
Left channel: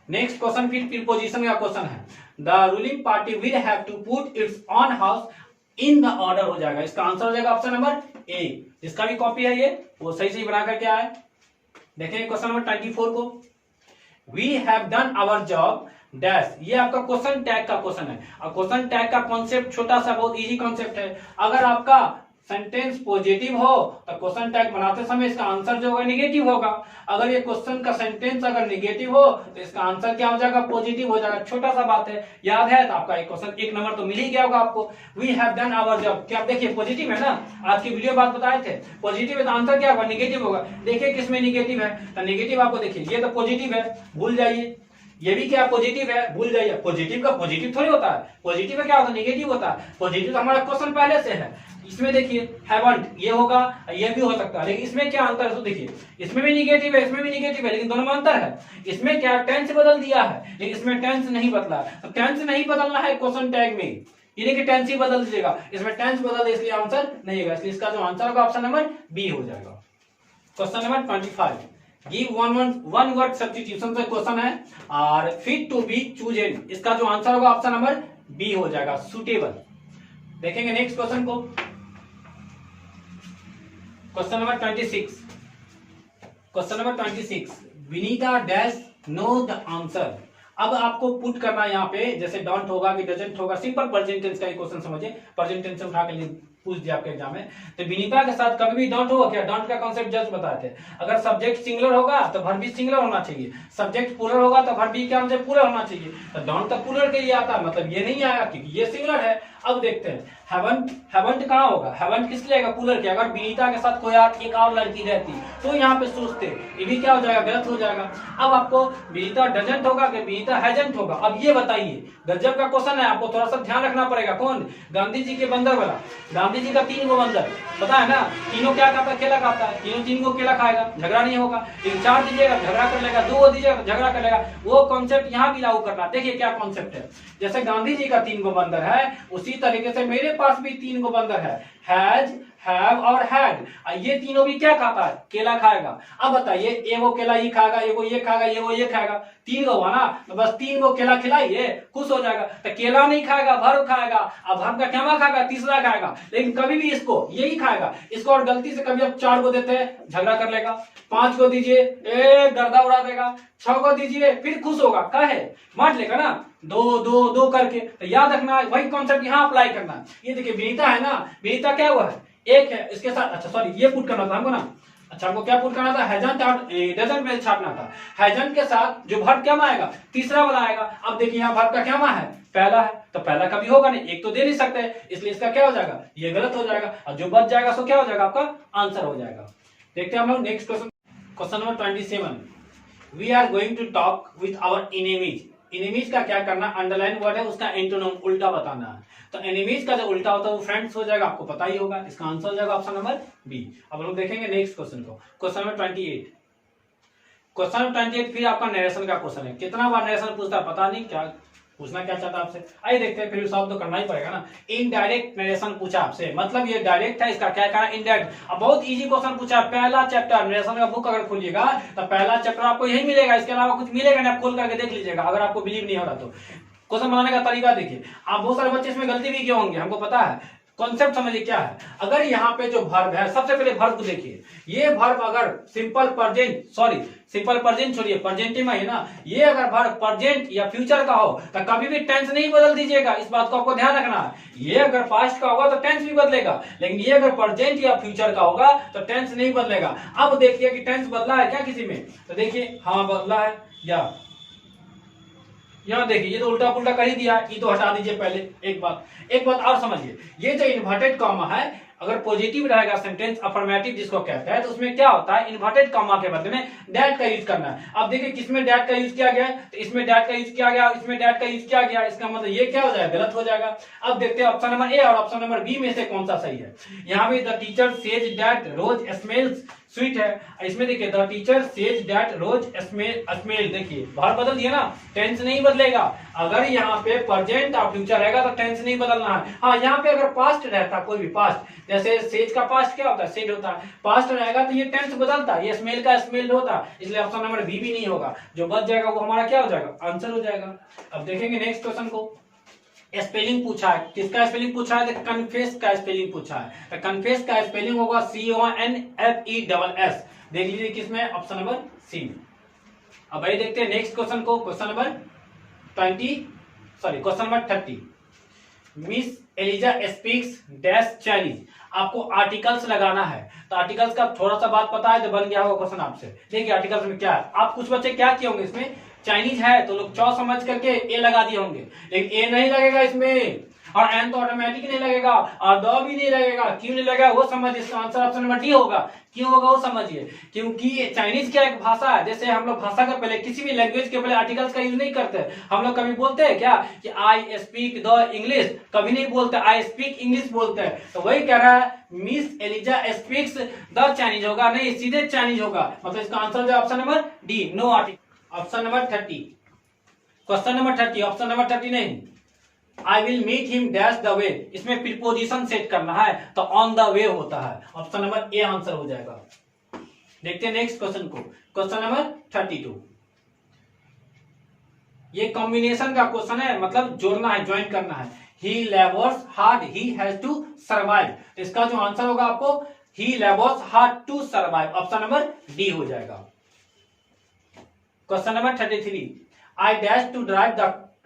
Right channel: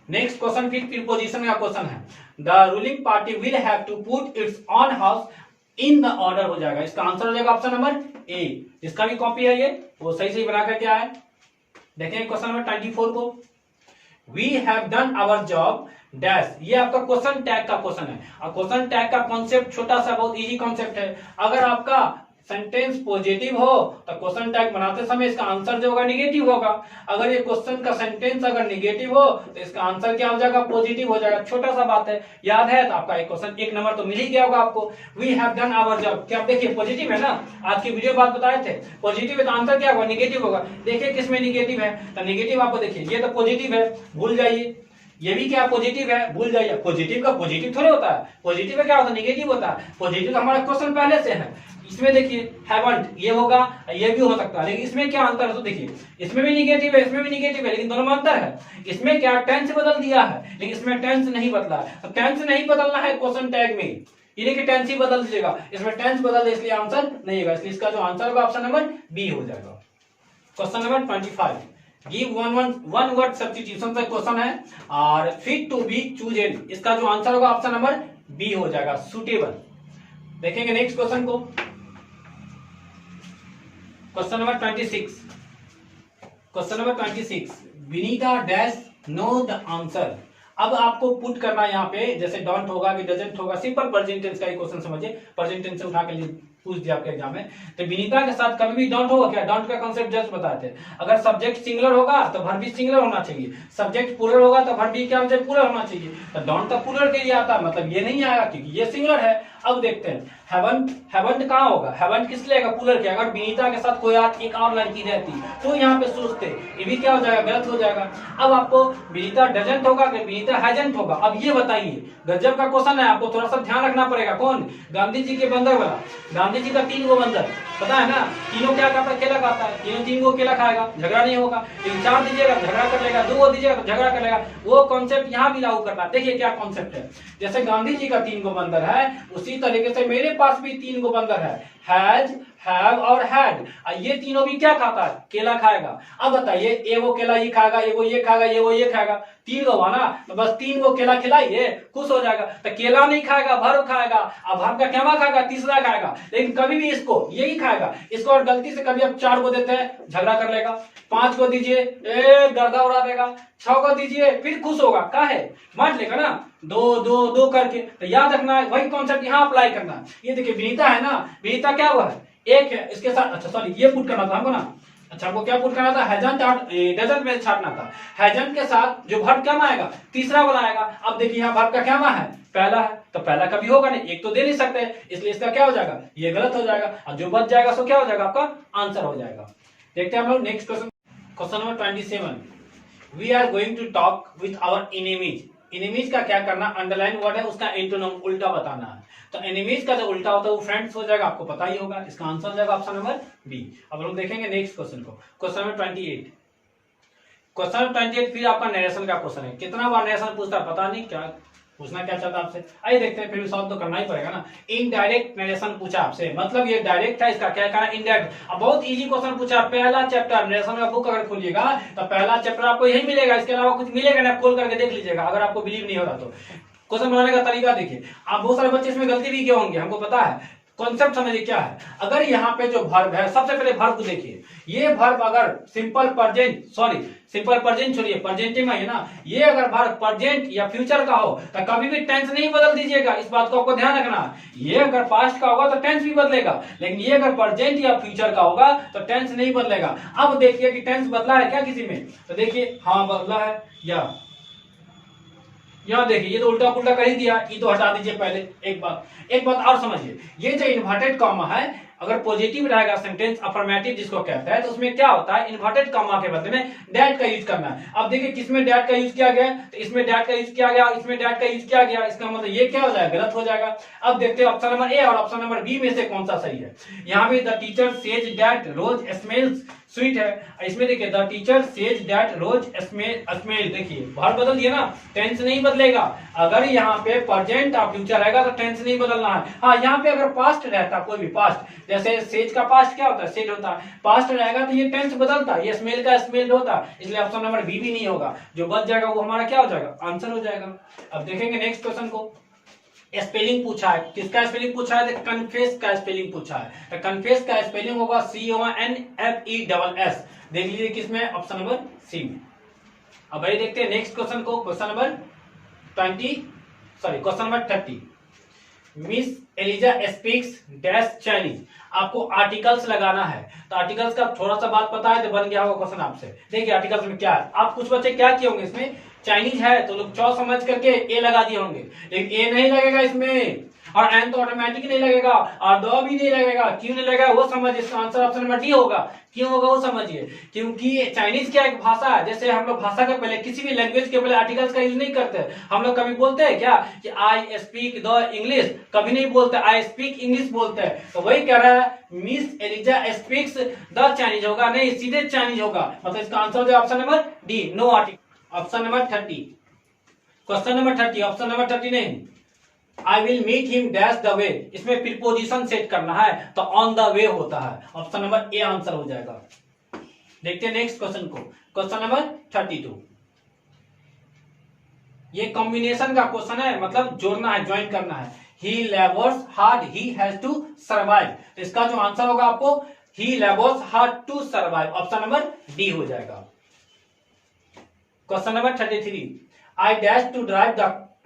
नेक्स्ट क्वेश्चन फिर प्रीपोजिशन का क्वेश्चन है। The ruling party will have to put its on house in the order हो जाएगा। इसका आंसर हो जाएगा ऑप्शन नंबर ए। जिसका भी कॉपी है ये वो सही सही बना करके आए। देखेंगे क्वेश्चन नंबर 24 को। We have done our job dash. ये आपका क्वेश्चन टैग का क्वेश्चन है, और क्वेश्चन टैग का कॉन्सेप्ट छोटा सा बहुत इजी कॉन्सेप्ट है। अगर आपका सेंटेंस पॉजिटिव हो तो क्वेश्चन टैग बनाते समय इसका आंसर जो होगा निगेटिव होगा। अगर ये क्वेश्चन का सेंटेंस अगर निगेटिव हो तो इसका आंसर क्या हो जाएगा, पॉजिटिव हो जाएगा। छोटा सा बात है, याद है तो आपका एक क्वेश्चन 1 नंबर तो मिल ही गया होगा आपको। We have done our job, क्या आप देखिए पॉजिटिव है ना, आज की वीडियो बात बताए थे पॉजिटिव है तो आंसर क्या होगा, निगेटिव होगा। देखिए किसमें निगेटिव है, तो निगेटिव आपको देखिए ये तो पॉजिटिव है, भूल जाइए। ये भी क्या पॉजिटिव है, भूल जाइए। पॉजिटिव का पॉजिटिव थोड़ी होता है, पॉजिटिव का क्या होता है, निगेटिव होता है। पॉजिटिव तो हमारा क्वेश्चन पहले से है। इसमें देखिए हैवंट ये होगा, ये भी हो सकता है, लेकिन इसमें क्या अंतर है तो देखिए इसमें भी निगेटिव है, इसमें भी निगेटिव है, लेकिन दोनों में अंतर है। इसमें क्या टेंस बदल दिया है, लेकिन इसमें टेंस नहीं बदला है। तो टेंस नहीं बदलना है क्वेश्चन टैग में, ये नहीं कि टेंस ही बदल दीजिएगा, इसमें टेंस बदल दे इसलिए आंसर नहीं होगा, इसलिए इसका जो आंसर होगा ऑप्शन नंबर बी हो जाएगा। Question number 25, give one word substitution से क्वेश्चन है और फिट टू बी चूजन, इसका जो आंसर होगा ऑप्शन नंबर बी हो जाएगा, सुटेबल। देखेंगे नेक्स्ट क्वेश्चन को, question number 26, question number 26, Vinita dash know the answer. अब आपको पुट करना है यहाँ पे, जैसे डोंट होगा कि डजंट होगा, सिंपल प्रेजेंट टेंस का क्वेश्चन समझिए, प्रेजेंट टेंस से उठा के पूछ दिया आपके एग्जाम में। तो विनीता के साथ कभी भी डोंट होगा क्या, डोंट का कॉन्सेप्ट जस्ट बताए थे, अगर सब्जेक्ट सिंगुलर होगा तो वर्ब भी सिंगुलर होना चाहिए, सब्जेक्ट प्लूरल होगा तो वर्ब भी क्या होना चाहिए, प्लूरल होना चाहिए। तो डोंट तो प्लूरल के लिए आता है, मतलब ये नहीं आएगा क्योंकि ये सिंगुलर है। अब देखते हैं हैवंट, हैवंट कहाँ होगा, हैवंट किस लिए प्लूरल के, अगर विनीता के साथ कोई एक और लड़की रहती तो यहाँ पे सोचते, ये भी क्या हो जाएगा, गलत हो जाएगा। अब आपको विनीता डजंट होगा कि विनीता हैजंट होगा, अब ये बताइए, गजब का क्वेश्चन है, आपको थोड़ा सा ध्यान रखना पड़ेगा। कौन, गांधी जी के बंदर वाला, गांधी जी का 3 गो बंदर, पता है ना, तीनों क्या खाता है, केला खाता है, तीनों 3 गो केला खाएगा, झगड़ा नहीं होगा। 3-4 दीजिएगा झगड़ा कर लेगा, 2 दीजिएगा झगड़ा कर लेगा, वो कॉन्सेप्ट यहाँ भी लागू करना। देखिए क्या कॉन्सेप्ट है, जैसे गांधी जी का 3 गो बंदर है, उसी तरीके से मेरे पास भी 3 गो बंदर है, हैज, हैव और हैड। ये तीनों भी क्या खाता है, केला खाएगा। अब बताइए, एगो केला ये खाएगा, एगो ये खाएगा, एगो ये खाएगा, 3 गो हुआ ना, तो बस 3 गो केला खिलाइए, खुश हो जाएगा। तो केला नहीं खाएगा, भर खाएगा, अब भर का क्या खाएगा, तीसरा खाएगा, लेकिन कभी भी इसको यही खाएगा, इसको और गलती से कभी आप 4 गो देते हैं झगड़ा कर लेगा, 5 गो दीजिए गर्दा उड़ा देगा, 6 गो दीजिए फिर खुश होगा, क्या है बांट लेगा ना, 2 करके। तो याद रखना वही कॉन्सेप्ट यहाँ अप्लाई करना। ये देखिए विनीता है ना, विनीता क्या हुआ है, एक है, इसके साथ, अच्छा सॉरी ये पुट करना था हमको ना, अच्छा हमको क्या पुट करना था, हैजंट डजंट में छाटना था, हैजंट के साथ जो वर्ब क्या आएगा, तीसरा वाला आएगा। अब देखिए यहाँ वर्ब का क्या है, पहला है, तो पहला कभी होगा नहीं, एक तो दे नहीं सकते, इसलिए इसका क्या हो जाएगा, ये गलत हो जाएगा, और जो बच जाएगा सो क्या हो जाएगा, आपका आंसर हो जाएगा। देखते हैं हम लोग next question, question number 27, we are going to talk with our enemies. Enemies का क्या करना, अंडरलाइन वर्ड है, उसका एंटोनिम उल्टा बताना है। तो एनिमीज का जो उल्टा होता है वो फ्रेंड्स हो जाएगा, आपको पता ही होगा, इसका आंसर हो जाएगा ऑप्शन नंबर बी। अब लोग देखेंगे नेक्स्ट क्वेश्चन को, क्वेश्चन नंबर 28, क्वेश्चन नंबर 28 फिर आपका नरेशन का क्वेश्चन है। कितना बार नरेशन पूछता है पता नहीं, क्या पूछना क्या चाहता है आपसे, आइए देखते हैं, फिर सॉल्व तो करना ही पड़ेगा ना। इनडायरेक्ट नरेशन पूछा आपसे, मतलब ये डायरेक्ट है, इसका क्या कहना इनडायरेक्ट। अब बहुत इजी क्वेश्चन पूछा, पहला चैप्टर नरेशन का बुक अगर खोलिएगा तो पहला चैप्टर आपको यही मिलेगा, इसके अलावा कुछ मिलेगा नहीं, आप खोल करके देख लीजिएगा, अगर आपको बिलीव नहीं हो रहा तो। क्वेश्चन बनाने का तरीका देखिए, आप बहुत सारे बच्चे इसमें गलती भी क्यों होंगे हमको पता है, कॉन्सेप्ट समझिए क्या है। अगर यहाँ पे जो वर्ब है, सबसे पहले वर्ब को देखिए, ये वर्ब अगर simple present, sorry simple present छोड़िए, प्रेजेंट में है ना, ये अगर वर्ब प्रेजेंट या फ्यूचर का हो तो कभी भी टेंस नहीं बदल दीजिएगा, इस बात को आपको ध्यान रखना है। ये अगर पास्ट का होगा तो टेंस भी बदलेगा, लेकिन ये अगर प्रेजेंट या फ्यूचर का होगा तो टेंस नहीं बदलेगा। अब देखिए कि टेंस बदला है क्या किसी में, तो देखिए हाँ बदला है, या यहाँ देखिए ये तो उल्टा पुल्टा कर ही दिया, ये तो हटा दीजिए पहले। एक बात और समझिए, ये जो इन्वर्टेड कॉमा है, अगर पॉजिटिव रहेगा सेंटेंस अफर्मेटिव जिसको कहते हैं, तो उसमें क्या होता है, इन्वर्टेड कॉमा के बदले में डैट का यूज करना है। अब देखिए किसमें डैट का यूज किया गया है, तो इसमें डैट का यूज किया गया, इसमें डैट का यूज किया गया, इसका मतलब ये क्या हो जाएगा, गलत हो जाएगा। अब देखते हैं ऑप्शन नंबर ए और ऑप्शन नंबर बी में से कौन सा सही है। यहाँ पे the teacher says that rose smells sweet है, इसमें देखिए the teacher says that rose smell, देखिए वर्ब बदल दिया ना, टेंस नहीं बदलेगा। अगर यहाँ पे प्रेजेंट और फ्यूचर रहेगा तो टेंस नहीं बदलना है। हाँ यहाँ पे अगर पास्ट रहता, कोई भी पास्ट, जैसे सेज का पास्ट क्या होता है, सेज होता है, पास्ट रहेगा तो ये टेंस बदलता, ये स्मेल का स्मेल होता, इसलिए ऑप्शन नंबर बी भी नहीं होगा। जो बच जाएगा वो हमारा क्या हो जाएगा, आंसर हो जाएगा। अब देखेंगे नेक्स्ट क्वेश्चन को, स्पेलिंग पूछा है, किसका स्पेलिंग पूछा है, कन्फेस का स्पेलिंग पूछा है। तो कन्फेस का स्पेलिंग होगा CONFESS, देख लीजिए किसमें, ऑप्शन नंबर सी में। अब भाई देखते हैं नेक्स्ट क्वेश्चन को, question number 30, miss Eliza speaks dash Chinese. आपको आर्टिकल्स लगाना है, तो आर्टिकल्स का थोड़ा सा बात पता है तो बन गया होगा क्वेश्चन आपसे। देखिए आर्टिकल्स में क्या है, आप कुछ बच्चे क्या किए होंगे, इसमें चाइनीज है तो लोग चौ समझ करके ए लगा दिए होंगे, लेकिन ए नहीं लगेगा इसमें, और एन तो ऑटोमेटिक नहीं लगेगा, और दो भी नहीं लगेगा। क्यों नहीं लगेगा वो समझिए, इसका आंसर ऑप्शन नंबर डी होगा। क्यों होगा वो समझिए, क्योंकि चाइनीज क्या एक भाषा है, जैसे हम लोग भाषा का पहले किसी भी लैंग्वेज के पहले आर्टिकल्स का यूज नहीं करते। हम लोग कभी बोलते हैं क्या कि आई स्पीक द इंग्लिश, कभी नहीं बोलते, आई स्पीक इंग्लिश बोलते हैं। तो वही कह रहा है miss Eliza speaks the Chinese होगा, नहीं सीधे चाइनीज होगा, मतलब इसका आंसर है option number D, no article. Option number 30, question number 30, option number 30 नहीं, I will meet him dash the way, इसमें प्रीपोजिशन सेट करना है तो ऑन द वे होता है। ऑप्शन नंबर ए आंसर हो जाएगा। देखते हैं नेक्स्ट क्वेश्चन को, क्वेश्चन नंबर 32। ये कॉम्बिनेशन का क्वेश्चन है, मतलब जोड़ना है, ज्वाइन करना है। He labours hard he has to survive, इसका जो आंसर होगा आपको he labours hard to survive, option number D हो जाएगा। Question number 33, I dash to drive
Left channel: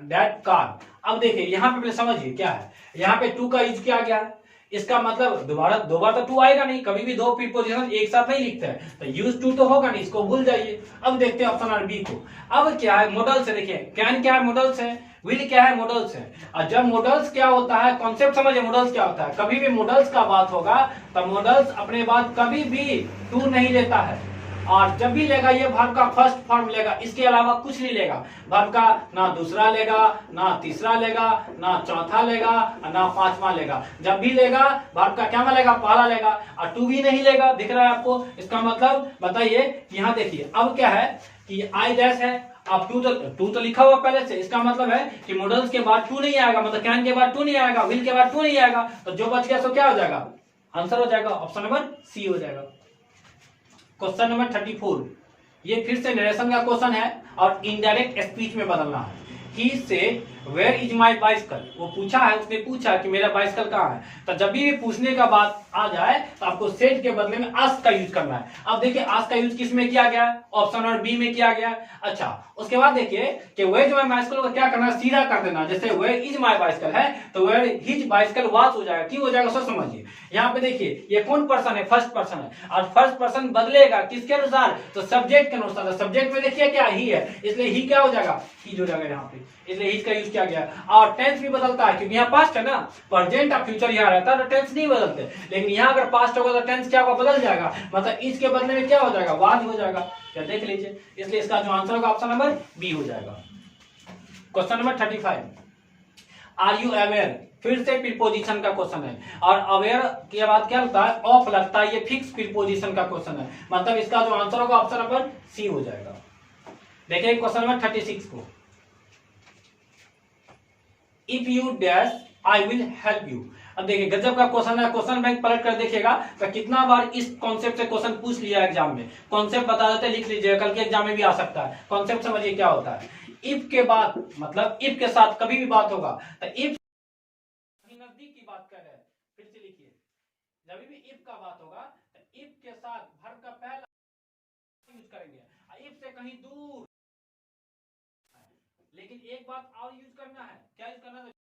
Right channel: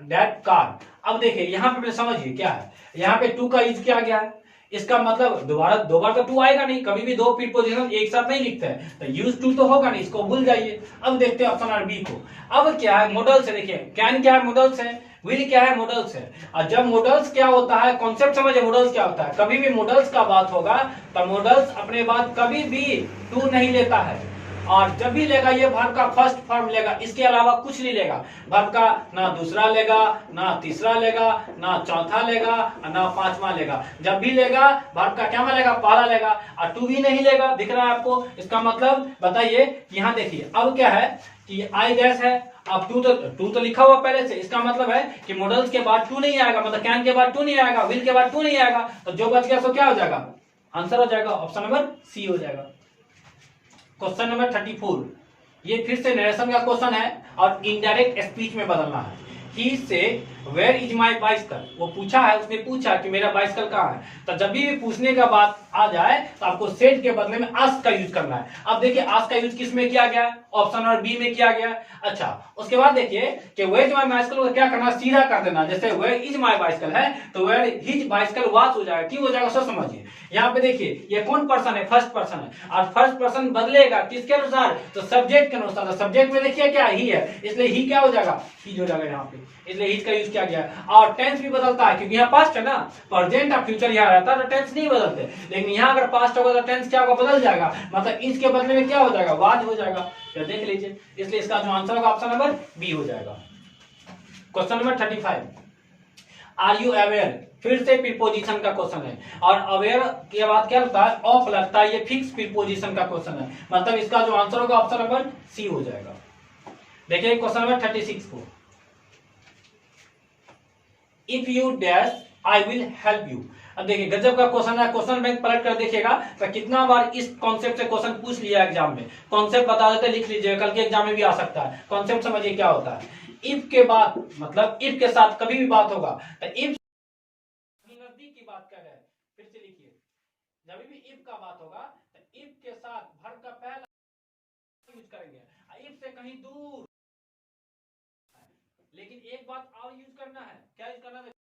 that car. अब देखिए यहाँ पे समझिए क्या है, यहाँ पे टू का यूज किया गया है, इसका मतलब दोबारा दो बार तो टू आएगा नहीं, कभी भी दो प्रीपोजिशन एक साथ नहीं लिखते हैं, तो यूज टू तो होगा नहीं, इसको भूल जाइए। अब देखते हैं ऑप्शन नंबर बी को। अब क्या है, मॉडल्स है, देखिए कैन क्या है, मॉडल्स है, विल क्या है, मॉडल्स है। और जब मॉडल्स क्या होता है, कॉन्सेप्ट समझिए, मॉडल्स क्या होता है, कभी भी मॉडल्स का बात होगा तो मॉडल्स अपने बाद कभी भी टू नहीं लेता है, और जब भी लेगा ये वर्ब का फर्स्ट फॉर्म लेगा, इसके अलावा कुछ नहीं लेगा। वर्ब का ना दूसरा लेगा, ना तीसरा लेगा, ना चौथा लेगा, ना पांचवा लेगा। जब भी लेगा वर्ब का क्या लेगा, पहला लेगा, और टू भी नहीं लेगा। दिख रहा है आपको, इसका मतलब बताइए। यहाँ देखिए अब क्या है कि आई डैश है, अब टू तो लिखा हुआ पहले से, इसका मतलब है कि मॉडल्स के बाद टू नहीं आएगा, मतलब कैन के बाद टू नहीं आएगा, विल के बाद टू नहीं आएगा, तो जो बच गया सो क्या हो जाएगा, आंसर हो जाएगा, ऑप्शन नंबर सी हो जाएगा। क्वेश्चन नंबर 34, ये फिर से नरेशन का क्वेश्चन है और इनडायरेक्ट स्पीच में बदलना है। ही से वेयर इज माई बाइसिकल, वो पूछा है, उसने पूछा कि मेरा बाइसिकल कहाँ है, तो जब भी पूछने का बात आ जाए तो आपको सेड के बदले में आस्क का यूज करना है। अब देखिए आस्क का यूज किस में किया गया, ऑप्शन नंबर बी में किया गया। अच्छा, उसके बाद देखिए कि वेयर इज माई बाइसिकल को क्या करना, सीधा कर देना। जैसे वेयर इज माई बाइसिकल है तो वेयर हिज बाइसिकल वाज हो जाएगा, क्यों हो जाएगा सर समझिए। यहाँ पे देखिए ये कौन पर्सन है, फर्स्ट पर्सन है, और फर्स्ट पर्सन बदलेगा किसके अनुसार, तो सब्जेक्ट के अनुसार। सब्जेक्ट में देखिए क्या ही है, इसलिए ही क्या हो जाएगा, ही हो जाएगा यहाँ पे, इसलिए ही का यूज किया गया। और टेंस भी बदलता है, क्योंकि यहाँ पास्ट है ना, प्रेजेंट और फ्यूचर यहाँ रहता है तो टेंस नहीं बदलते, लेकिन यहाँ अगर पास्ट होगा तो टेंस क्या होगा, बदल जाएगा, मतलब इसके बदले में क्या हो जाएगा, वाज हो जाएगा। तो देख लीजिए, इसलिए इसका जो आंसर होगा ऑप्शन नंबर बी हो जाएगा। Question number 35, are you aware, फिर से प्रीपोजिशन का क्वेश्चन है, और अवेयर के बाद क्या लगता है, ऑफ लगता है, ये फिक्स प्रीपोजिशन का क्वेश्चन है, मतलब इसका जो आंसर होगा ऑप्शन नंबर सी हो जाएगा। देखिए क्वेश्चन नंबर 36 को, if you dash I will help you. अब देखिए गजब का क्वेश्चन है, क्वेश्चन बैंक पलट कर देखिएगा तो कितना बार इस कॉन्सेप्ट से क्वेश्चन पूछ लिया एग्जाम में। कॉन्सेप्ट बता देते, लिख लीजिएगा, कल के एग्जाम में भी आ सकता है। कॉन्सेप्ट समझिए क्या होता है, इफ के बाद मतलब इफ के साथ कभी भी बात होगा तो इफ नजदीक की बात कर रहे हैं, फिर से लिखिए, जब भी इफ का बात होगा तो इफ के साथ वर्ब का पहला यूज करेंगे, इफ से कहीं दूर। लेकिन एक बात और यूज करना है, क्या यूज करना है,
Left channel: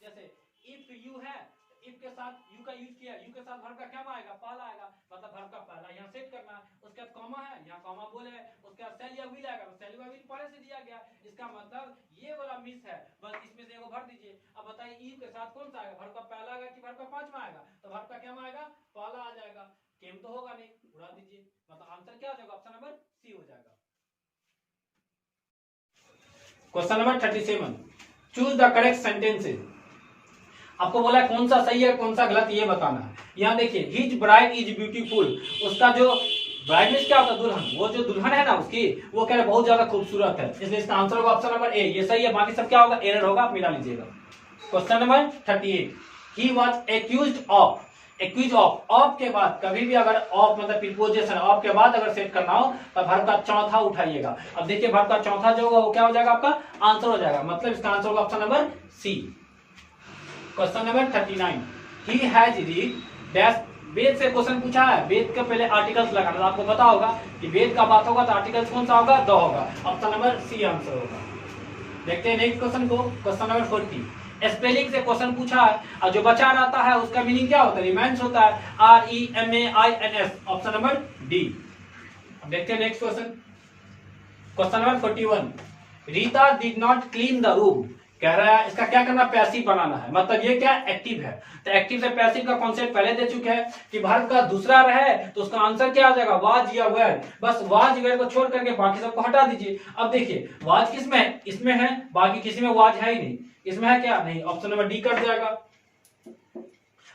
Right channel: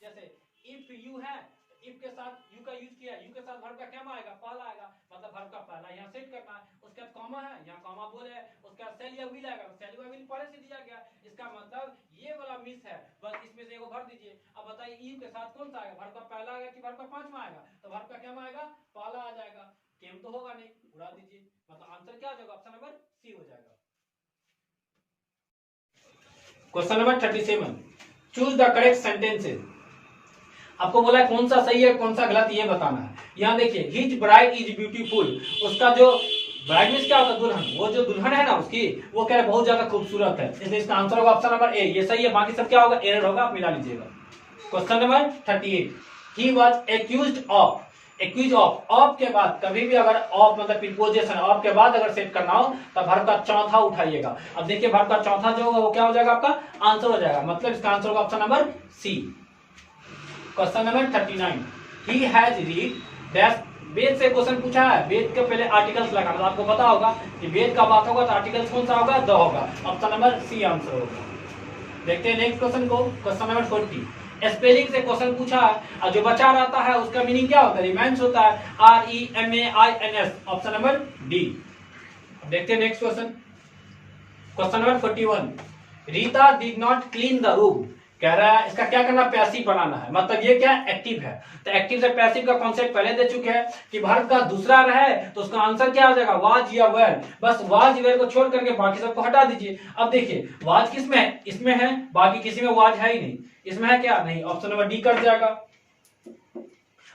जैसे इफ यू है, इफ के साथ यू का यूज किया, यू के साथ वर्ब का क्या आएगा, पहला आएगा, मतलब वर्ब का पहला यहाँ सेट करना है। उसके बाद कॉमा है, यहाँ कॉमा बोले है, उसके बाद सेल या विल आएगा, सेल या विल पहले से दिया गया, इसका मतलब ये वाला मिस है, बस इसमें से एगो भर दीजिए। अब बताइए यू के साथ कौन सा आएगा, वर्ब का पहला आएगा कि वर्ब का पांचवा आएगा, तो वर्ब का क्या आएगा, पहला आ जाएगा, केम तो होगा नहीं, उड़ा दीजिए, मतलब आंसर क्या हो जाएगा, ऑप्शन नंबर सी हो जाएगा। Question number 37, choose the correct sentences. आपको बोला है कौन सा सही है कौन सा गलत, ये बताना है। यहाँ देखिए हिज ब्राइड इज ब्यूटीफुल, उसका जो ब्राइड मीन्स क्या होता है, दुल्हन, वो जो दुल्हन है ना उसकी, वो क्या है, बहुत ज्यादा खूबसूरत है, इसलिए इसका आंसर होगा ऑप्शन नंबर ए, ये सही है, बाकी सब क्या होगा, एरर होगा, आप मिला लीजिएगा। Question number 38, he was accused of, accuse of के बाद कभी भी अगर ऑफ मतलब प्रीपोजिशन ऑफ के बाद अगर सेट करना हो तो वर्ब का चौथा उठाइएगा। अब देखिए वर्ब का चौथा जो होगा वो क्या हो जाएगा, आपका आंसर हो जाएगा, मतलब इसका आंसर होगा option number C. Question number 39, he has read dash, Ved से क्वेश्चन पूछा है, वेद के पहले आर्टिकल्स लगाना, तो आपको पता होगा कि वेद का बात होगा तो आर्टिकल्स कौन सा होगा, द होगा, ऑप्शन नंबर सी आंसर होगा। देखते हैं नेक्स्ट क्वेश्चन को, क्वेश्चन नंबर 40, स्पेलिंग से क्वेश्चन पूछा है और जो बचा रहता है उसका मीनिंग क्या होता है, रिमाइंस होता है, REMAINS, ऑप्शन नंबर डी। अब देखते हैं next question, question number 41, Rita did not clean the room, कह रहा है इसका क्या करना, पैसिव बनाना है, मतलब ये क्या एक्टिव है, तो एक्टिव से पैसिव का कॉन्सेप्ट पहले दे चुके हैं कि वर्ब का दूसरा रहे तो उसका आंसर क्या आ जाएगा, वाज या वेयर, बस वाज वेयर को छोड़ करके बाकी सबको हटा दीजिए। अब देखिए वाज किसमें है, इसमें है, बाकी किसी में वाज है ही नहीं, इसमें है क्या, नहीं, ऑप्शन नंबर डी कर जाएगा।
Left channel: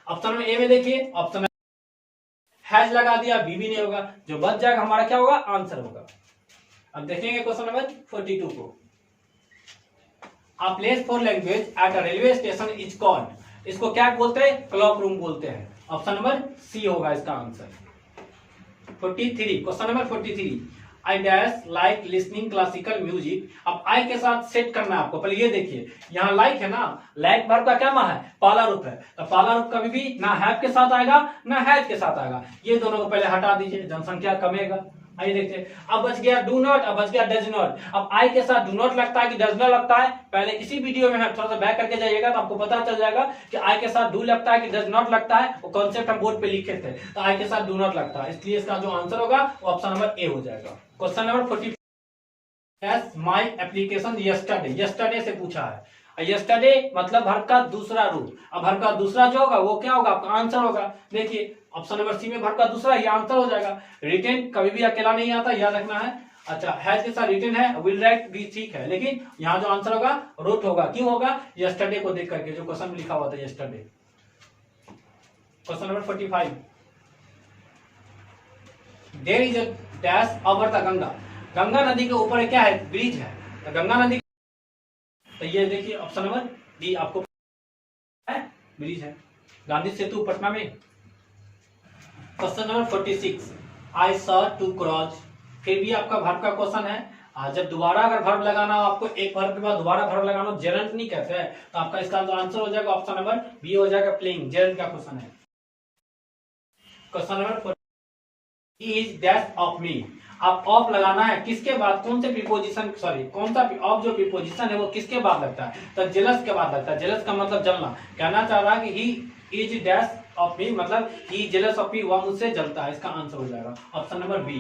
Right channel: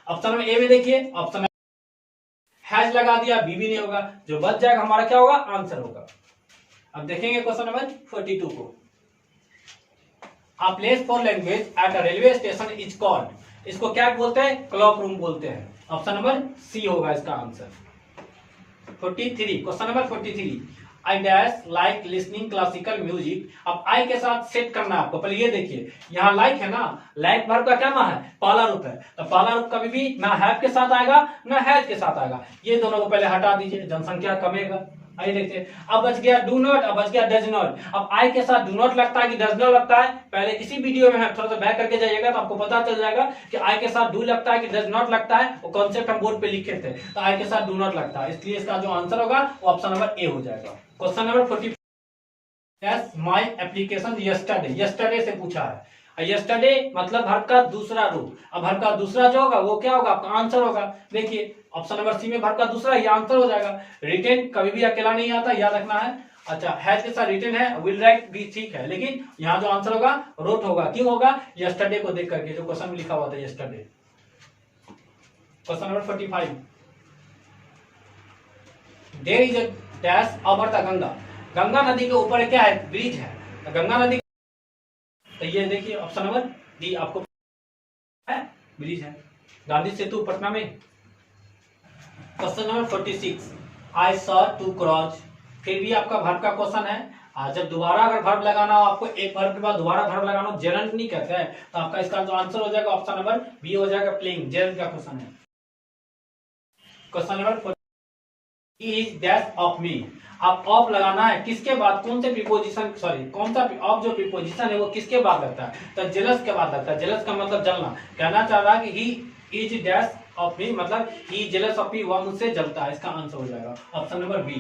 ऑप्शन नंबर ए में देखिए ऑप्शन हैज लगा दिया, बी भी नहीं होगा, जो बच जाएगा हमारा क्या होगा, आंसर होगा। अब देखेंगे क्वेश्चन नंबर 42 को, A place for language at a railway station is called, इसको क्या बोलते हैं? क्लॉक रूम बोलते हैं। ऑप्शन नंबर सी होगा इसका answer. 43, question number 43, I dash like listening classical music। अब I के साथ सेट करना है आपको। पहले ये देखिए, यहाँ like है ना, like वर्ब का क्या है? पाला रूप है। तो पाला रूप कभी भी ना have के साथ आएगा ना has के साथ आएगा। ये दोनों को पहले हटा दीजिए, जनसंख्या कमेगा। आइए देखते हैं। अब बच गया डू नॉट, अब बच गया डज नॉट। अब आई के साथ डू नॉट लगता है कि डज नॉट लगता है, पहले इसी वीडियो में हम थोड़ा सा बैक करके जाइएगा तो आपको पता चल जाएगा कि आई के साथ डू लगता है कि डज नॉट लगता है। वो कॉन्सेप्ट हम बोर्ड पे लिखे थे, तो आई के साथ डू नॉट लगता है, इसलिए इसका जो आंसर होगा वो ऑप्शन नंबर ए हो जाएगा। Question number 44, my application yesterday, yesterday से पूछा है। यस्टरडे मतलब वर्ब का दूसरा रूप। अब वर्ब का दूसरा जो होगा वो क्या होगा? आपका आंसर होगा। देखिए ऑप्शन नंबर सी में वर्ब का दूसरा, ये आंसर हो जाएगा। रिटेन कभी भी अकेला नहीं आता, याद रखना है। अच्छा, हैज के साथ रिटेन है, विल राइट भी ठीक है, लेकिन यहाँ जो आंसर होगा रोट होगा। क्यों होगा? यस्टरडे को देख करके, जो क्वेश्चन में लिखा हुआ था yesterday. Question number 45, there is a dash over the Ganga. Ganga नदी के ऊपर क्या है? ब्रिज है। तो गंगा नदी, तो ये देखिए ऑप्शन नंबर डी आपको है, ब्रिज है। गांधी सेतु पटना में। Question number 46, I saw to cross. फिर भी आपका वर्ब का क्वेश्चन है। जब दोबारा अगर वर्ब लगाना हो आपको, एक वर्ब के बाद दोबारा वर्ब लगाना हो, जेरंट नहीं कहते हैं, तो आपका इसका जो आंसर हो जाएगा ऑप्शन नंबर बी हो जाएगा, प्लेइंग। जेरंट का क्वेश्चन है। Question number 40, is dash of me. आप ऑफ लगाना है किसके बाद? कौन से प्रीपोजिशन, सॉरी कौन सा ऑफ जो प्रीपोजिशन है वो किसके बाद लगता है? तो जेलस के बाद लगता है। जेलस का मतलब जलना। कहना चाह रहा है कि he is dash of me, मतलब ही जेलस ऑफ मी, वह मुझसे जलता है। इसका आंसर हो जाएगा option number B.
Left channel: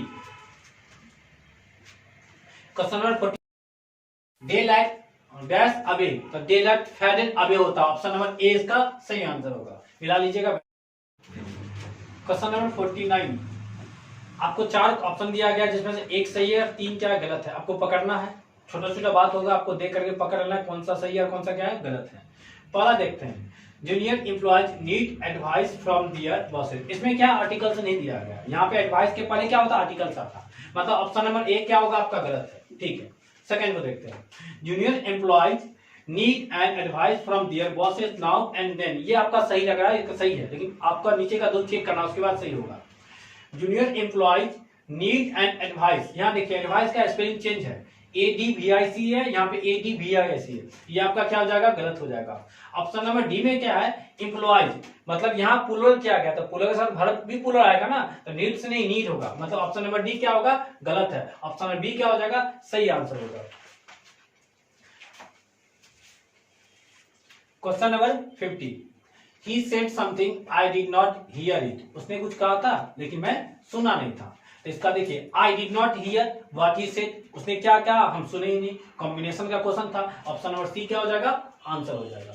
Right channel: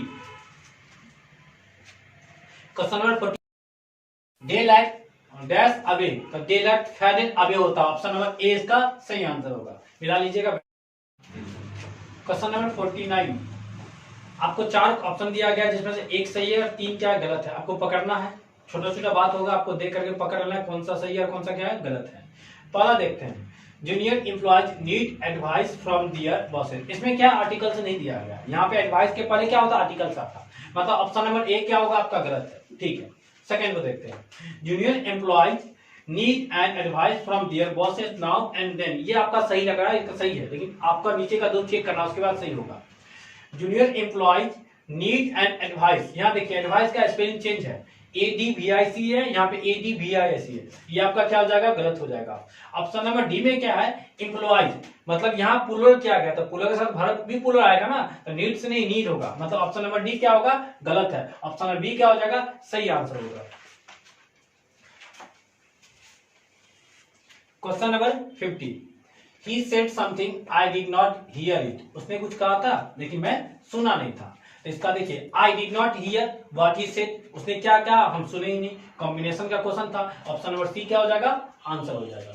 Question number 40, daylight dash away, तो डे लाइट फेडेड अवे होता है। ऑप्शन नंबर ए इसका सही आंसर होगा, मिला लीजिएगा। क्वेश्चन नंबर 49, आपको 4 ऑप्शन दिया गया जिसमें से एक सही है और 3 क्या गलत है। आपको पकड़ना है, छोटा छोटा बात होगा, आपको देख करके पकड़ लेना है कौन सा सही है और कौन सा क्या है गलत है। पहला देखते हैं, junior employees need advice from their bosses. इसमें क्या आर्टिकल से नहीं दिया गया, यहाँ पे एडवाइस के पहले क्या होता है? आर्टिकल से आता। मतलब ऑप्शन नंबर ए क्या होगा आपका? गलत है। ठीक है, सेकेंड को देखते हैं, junior employees need and advice from their bosses now and then. ये आपका सही लग रहा है, ये सही है, लेकिन आपका नीचे का 2 चेक करना, उसके बाद सही होगा। Junior employees need and advice, यहाँ देखिए एडवाइस का स्पेलिंग चेंज है, ADVIC है, यहाँ पे ADVIC है, ये आपका क्या हो जाएगा? गलत हो जाएगा। ऑप्शन नंबर डी में क्या है? एम्प्लॉयज, मतलब यहाँ प्लूरल किया गया, तो प्लूरल के साथ वर्ब भी प्लूरल आएगा ना, तो नीड से नहीं नीड होगा, मतलब ऑप्शन नंबर डी क्या होगा? गलत है। ऑप्शन नंबर बी क्या हो जाएगा? सही आंसर होगा। Question number 50, he said something I did not here it. उसने कुछ कहा था लेकिन मैं सुना नहीं था। तो इसका देखिए, I did not here what he said, उसने क्या कहा हम सुने ही नहीं। कॉम्बिनेशन का क्वेश्चन था। ऑप्शन नंबर सी क्या हो जाएगा? आंसर हो जाएगा।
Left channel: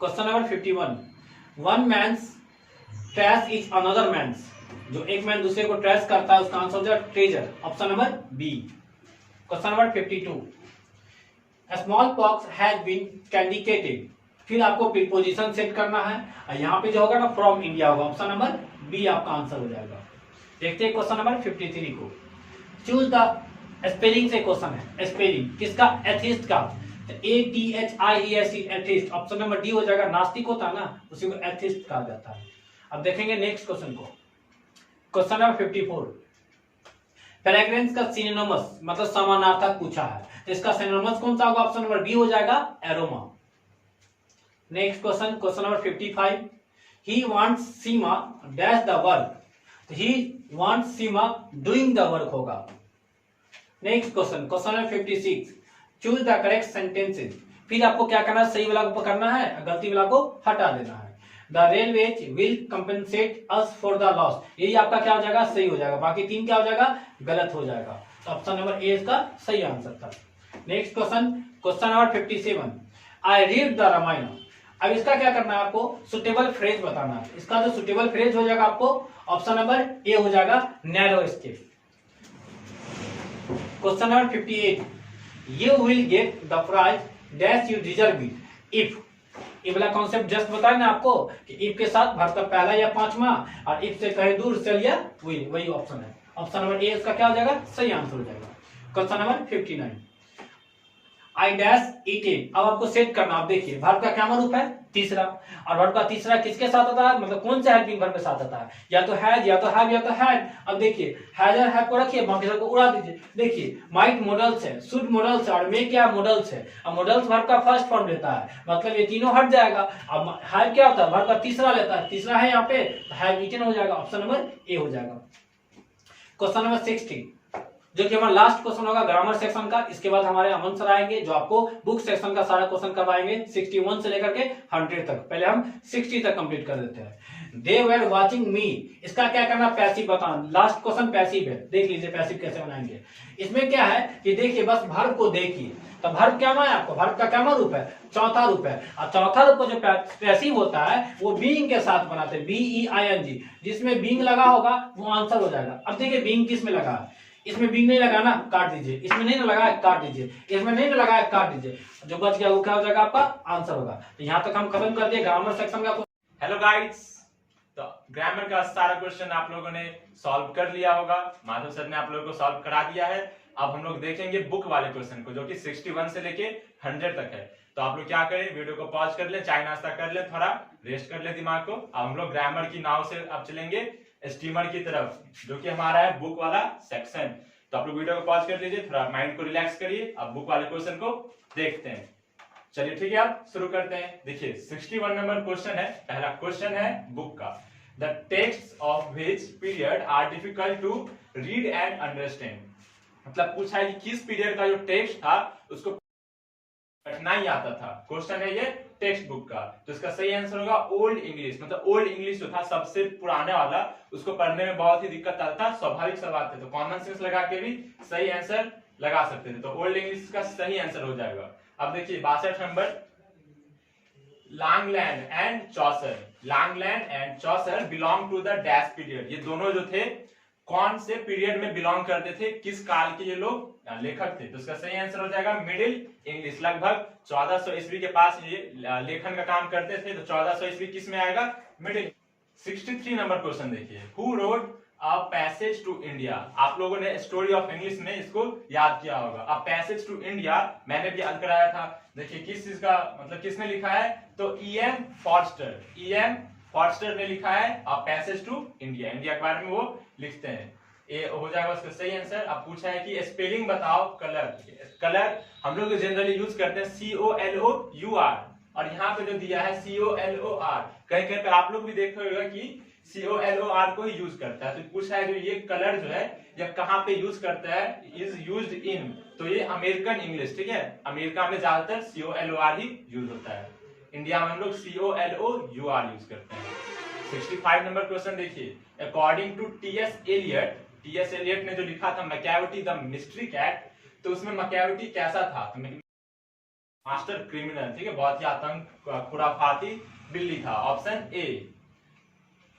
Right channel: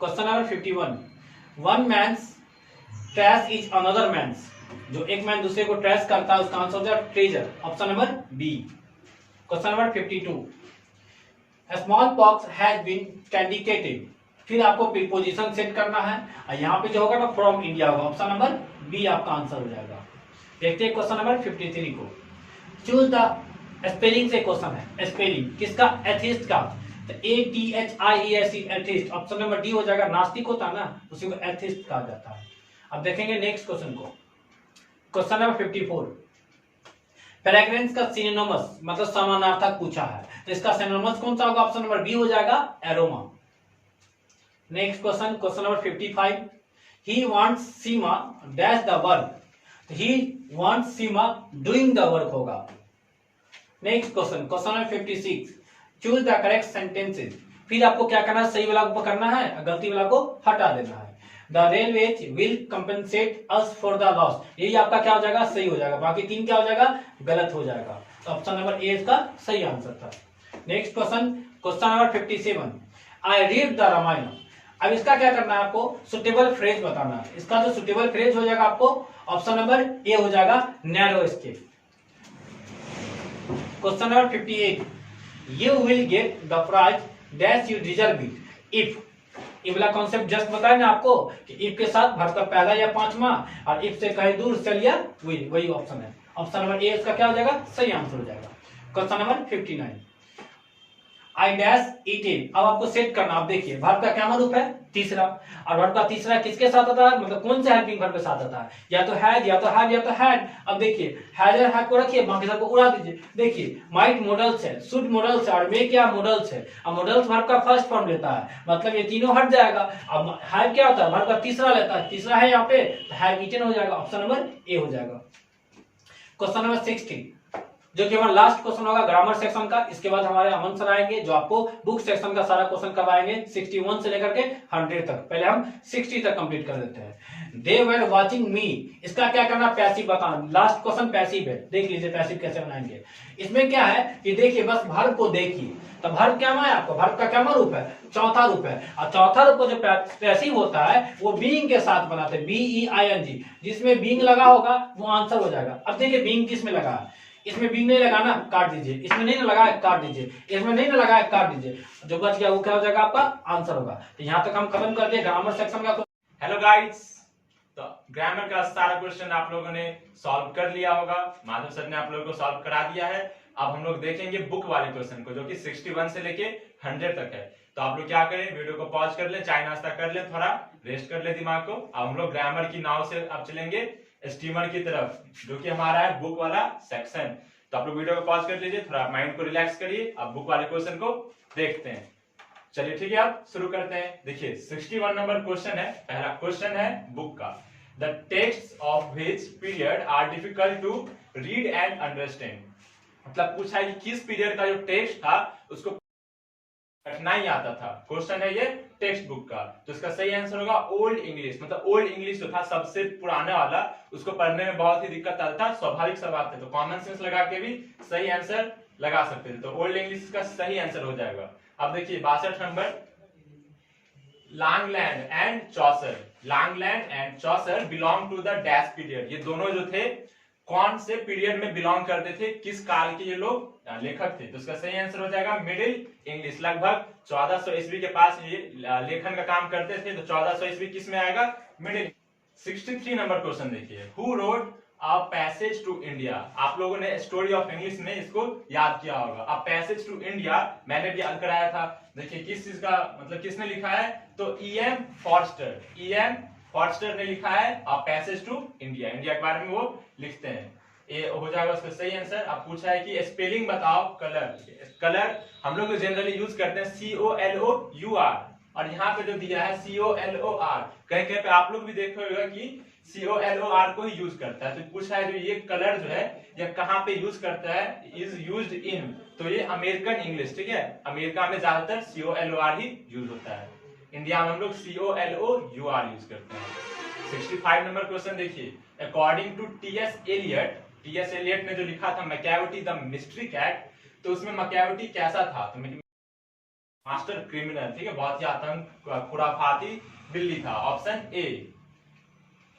Question number 51, one man's trash is another man's. जो एक मैन दूसरे को ट्रैश करता है उसका आंसर हो जाएगा treasure. Option number B. Question number 52, smallpox has been eradicated. फिर आपको प्रीपोजिशन सेट करना है, और यहाँ पे जो होगा ना फ्रॉम इंडिया होगा। ऑप्शन नंबर बी आपका आंसर हो जाएगा। देखते हैं क्वेश्चन नंबर 53 को। चूज द स्पेलिंग से क्वेश्चन है, स्पेलिंग किसका? एथिस्ट का। तो ATHIEST atheist. Option number D हो जाएगा, नास्तिक होता है ना उसी को एथिस्ट कहा जाता है। अब देखेंगे नेक्स्ट क्वेश्चन को। क्वेश्चन नंबर 54, फ्रेग्रेंस का सिनोनिमस मतलब समानार्थक पूछा है, तो इसका सिनोनिमस कौन सा होगा? ऑप्शन नंबर बी हो जाएगा, aroma. Next question, question number 55, he wants Seema dash the work, तो he wants Seema doing the work होगा। Next question, question number 56, choose the correct sentences. फिर आपको क्या करना है? सही वाला को पकड़ना है, गलती वाला को हटा देना है। The railways will compensate us for the loss, यही आपका क्या हो जाएगा? सही हो जाएगा। बाकी 3 क्या हो जाएगा? गलत हो जाएगा। तो ऑप्शन नंबर ए इसका सही आंसर था। Next question, question number 57, I read the Ramayana. अब इसका क्या करना है? आपको सुटेबल फ्रेज बताना है। इसका जो सुटेबल फ्रेज हो जाएगा आपको ऑप्शन नंबर ए हो जाएगा, narrow escape. Question number 58, you will get the prize dash you deserve it if. ये वाला कॉन्सेप्ट जस्ट बताया ना आपको कि इफ के साथ वर्ब का पहला या पांचवा, और इफ से कहीं दूर चल या वही ऑप्शन है। ऑप्शन नंबर ए इसका क्या हो जाएगा? सही आंसर हो जाएगा। Question number 59, I dash eaten. अब आपको सेट करना, आप देखिए वर्ब का क्या रूप है, तीसरा, और वर्ब का तीसरा किसके साथ आता है, मतलब कौन से हेल्पिंग वर्ब के साथ आता है, या तो हैज, या तो हैव, या तो हैड। अब देखिए हैज और हैव को रखिए, बाकी सबको उड़ा दीजिए। देखिए माइट मॉडल्स है, शुड मॉडल्स है, और मे क्या मॉडल्स है। अब मॉडल्स वर्ब का फर्स्ट फॉर्म लेता है, मतलब ये तीनों हट जाएगा। अब हैव क्या होता है, वर्ब का तीसरा लेता है, तीसरा है यहाँ पे, हैव ईटन हो जाएगा, ऑप्शन नंबर ए हो जाएगा। क्वेश्चन नंबर 60, जो कि हमारा लास्ट क्वेश्चन होगा ग्रामर सेक्शन का। इसके बाद हमारे अमन सर आएंगे जो आपको बुक सेक्शन का सारा क्वेश्चन करवाएंगे 61 से लेकर के 100 तक। पहले हम 60 तक कंप्लीट कर देते हैं। दे वर वाचिंग मी, इसका क्या करना, पैसिव बताना। लास्ट क्वेश्चन पैसिव है, देख लीजिए पैसिव कैसे बनाएंगे। इसमें क्या है कि देखिए बस वर्ब को देखिए, तो वर्ब क्या है आपको, वर्ब का क्या रूप है, चौथा रूप है। और चौथा रूप जो पैसिव होता है वो बीइंग के साथ बनाते हैं, BEING। जिसमें बीइंग लगा होगा वो आंसर हो जाएगा। अब देखिए बीइंग किस में लगा है, इसमें बीइंग नहीं लगा ना, काट दीजिए। इसमें नहीं लगा है, काट दीजिए। इसमें नहीं लगा है, काट दीजिए। जो बच गया वो क्या हो जाएगा, आपका आंसर होगा। तो यहाँ तक हम खत्म कर दिए ग्रामर सेक्शन का। हेलो गाइस, तो ग्रामर का सारा क्वेश्चन आप लोगों ने सॉल्व कर लिया होगा, माधव सर ने आप लोगों को सॉल्व करा दिया है। अब हम लोग देखेंगे बुक वाले क्वेश्चन को, जो कि 61 से लेके 100 तक है। तो आप लोग क्या करें, वीडियो को पॉज कर ले, चाय नाश्ता कर ले, थोड़ा रेस्ट कर ले दिमाग को। अब हम लोग ग्रामर की नाव से अब चलेंगे स्टीमर की तरफ, जो कि हमारा है बुक वाला सेक्शन। तो आप लोग वीडियो को पॉज कर लीजिए, थोड़ा माइंड को रिलैक्स करिए। अब बुक वाले क्वेश्चन को देखते हैं। चलिए ठीक है, अब शुरू करते हैं। देखिए 61 नंबर क्वेश्चन है, पहला क्वेश्चन है बुक का। The text of which period are difficult to read and understand. मतलब पूछा है कि किस पीरियड का जो टेक्स्ट था उसको कठिनाई आता था। क्वेश्चन है ये टेक्स्ट बुक का। तो इसका सही आंसर होगा ओल्ड इंग्लिश। मतलब ओल्ड इंग्लिश जो था सबसे पुराने वाला, उसको पढ़ने में बहुत ही दिक्कत आता था। स्वाभाविक सा बात है, तो कॉमन सेंस लगा के भी सही आंसर लगा सकते थे। तो ओल्ड इंग्लिश का सही आंसर हो जाएगा। अब देखिए 62 नंबर, Langland and Chaucer. Langland and Chaucer belong to the dash period. ये दोनों जो थे कौन से पीरियड में बिलोंग करते थे, किस काल के ये लोग लेखक थे। तो इसका सही आंसर हो जाएगा मिडिल इंग्लिश। लगभग 1400 ईस्वी के पास ये लेखन का काम करते थे। तो 1400 ईस्वी किस में आएगा, मिडिल। 63 नंबर क्वेश्चन देखिए, who wrote a passage to India. आप लोगों ने स्टोरी ऑफ इंग्लिश में इसको याद किया होगा। अ पैसेज टू इंडिया मैंने भी याद कराया था। देखिए किस चीज का मतलब किसने लिखा है, तो E.M. फॉर्स्टर। E.M. फॉर्स्टर ने लिखा है a passage to India. India के बारे में वो लिखते हैं। ये हो जाएगा उसका सही आंसर। अब पूछा है कि स्पेलिंग बताओ कलर। कलर हम लोग जनरली यूज करते हैं COLOUR, और यहाँ पे जो दिया है COLOR। कहीं कहीं पे आप लोग भी देखे होगा कि COLOR को ही यूज करता है। तो पूछा है जो ये कलर जो है ये कहाँ पे यूज करता है, इज यूज्ड इन। तो ये अमेरिकन इंग्लिश, ठीक है, अमेरिका में ज्यादातर COLOR ही यूज होता है। इंडिया में हम लोग COLOUR यूज करते हैं। 65 नंबर क्वेश्चन देखिए, अकॉर्डिंग टू T.S. एलियट ने जो लिखा था मैकियावेली द मिस्ट्री कैट, तो उसमें मैकियावेली कैसा था, तो मास्टर क्रिमिनल, ठीक है, बहुत ही आतंक खुराफाती बिल्ली था। Option A.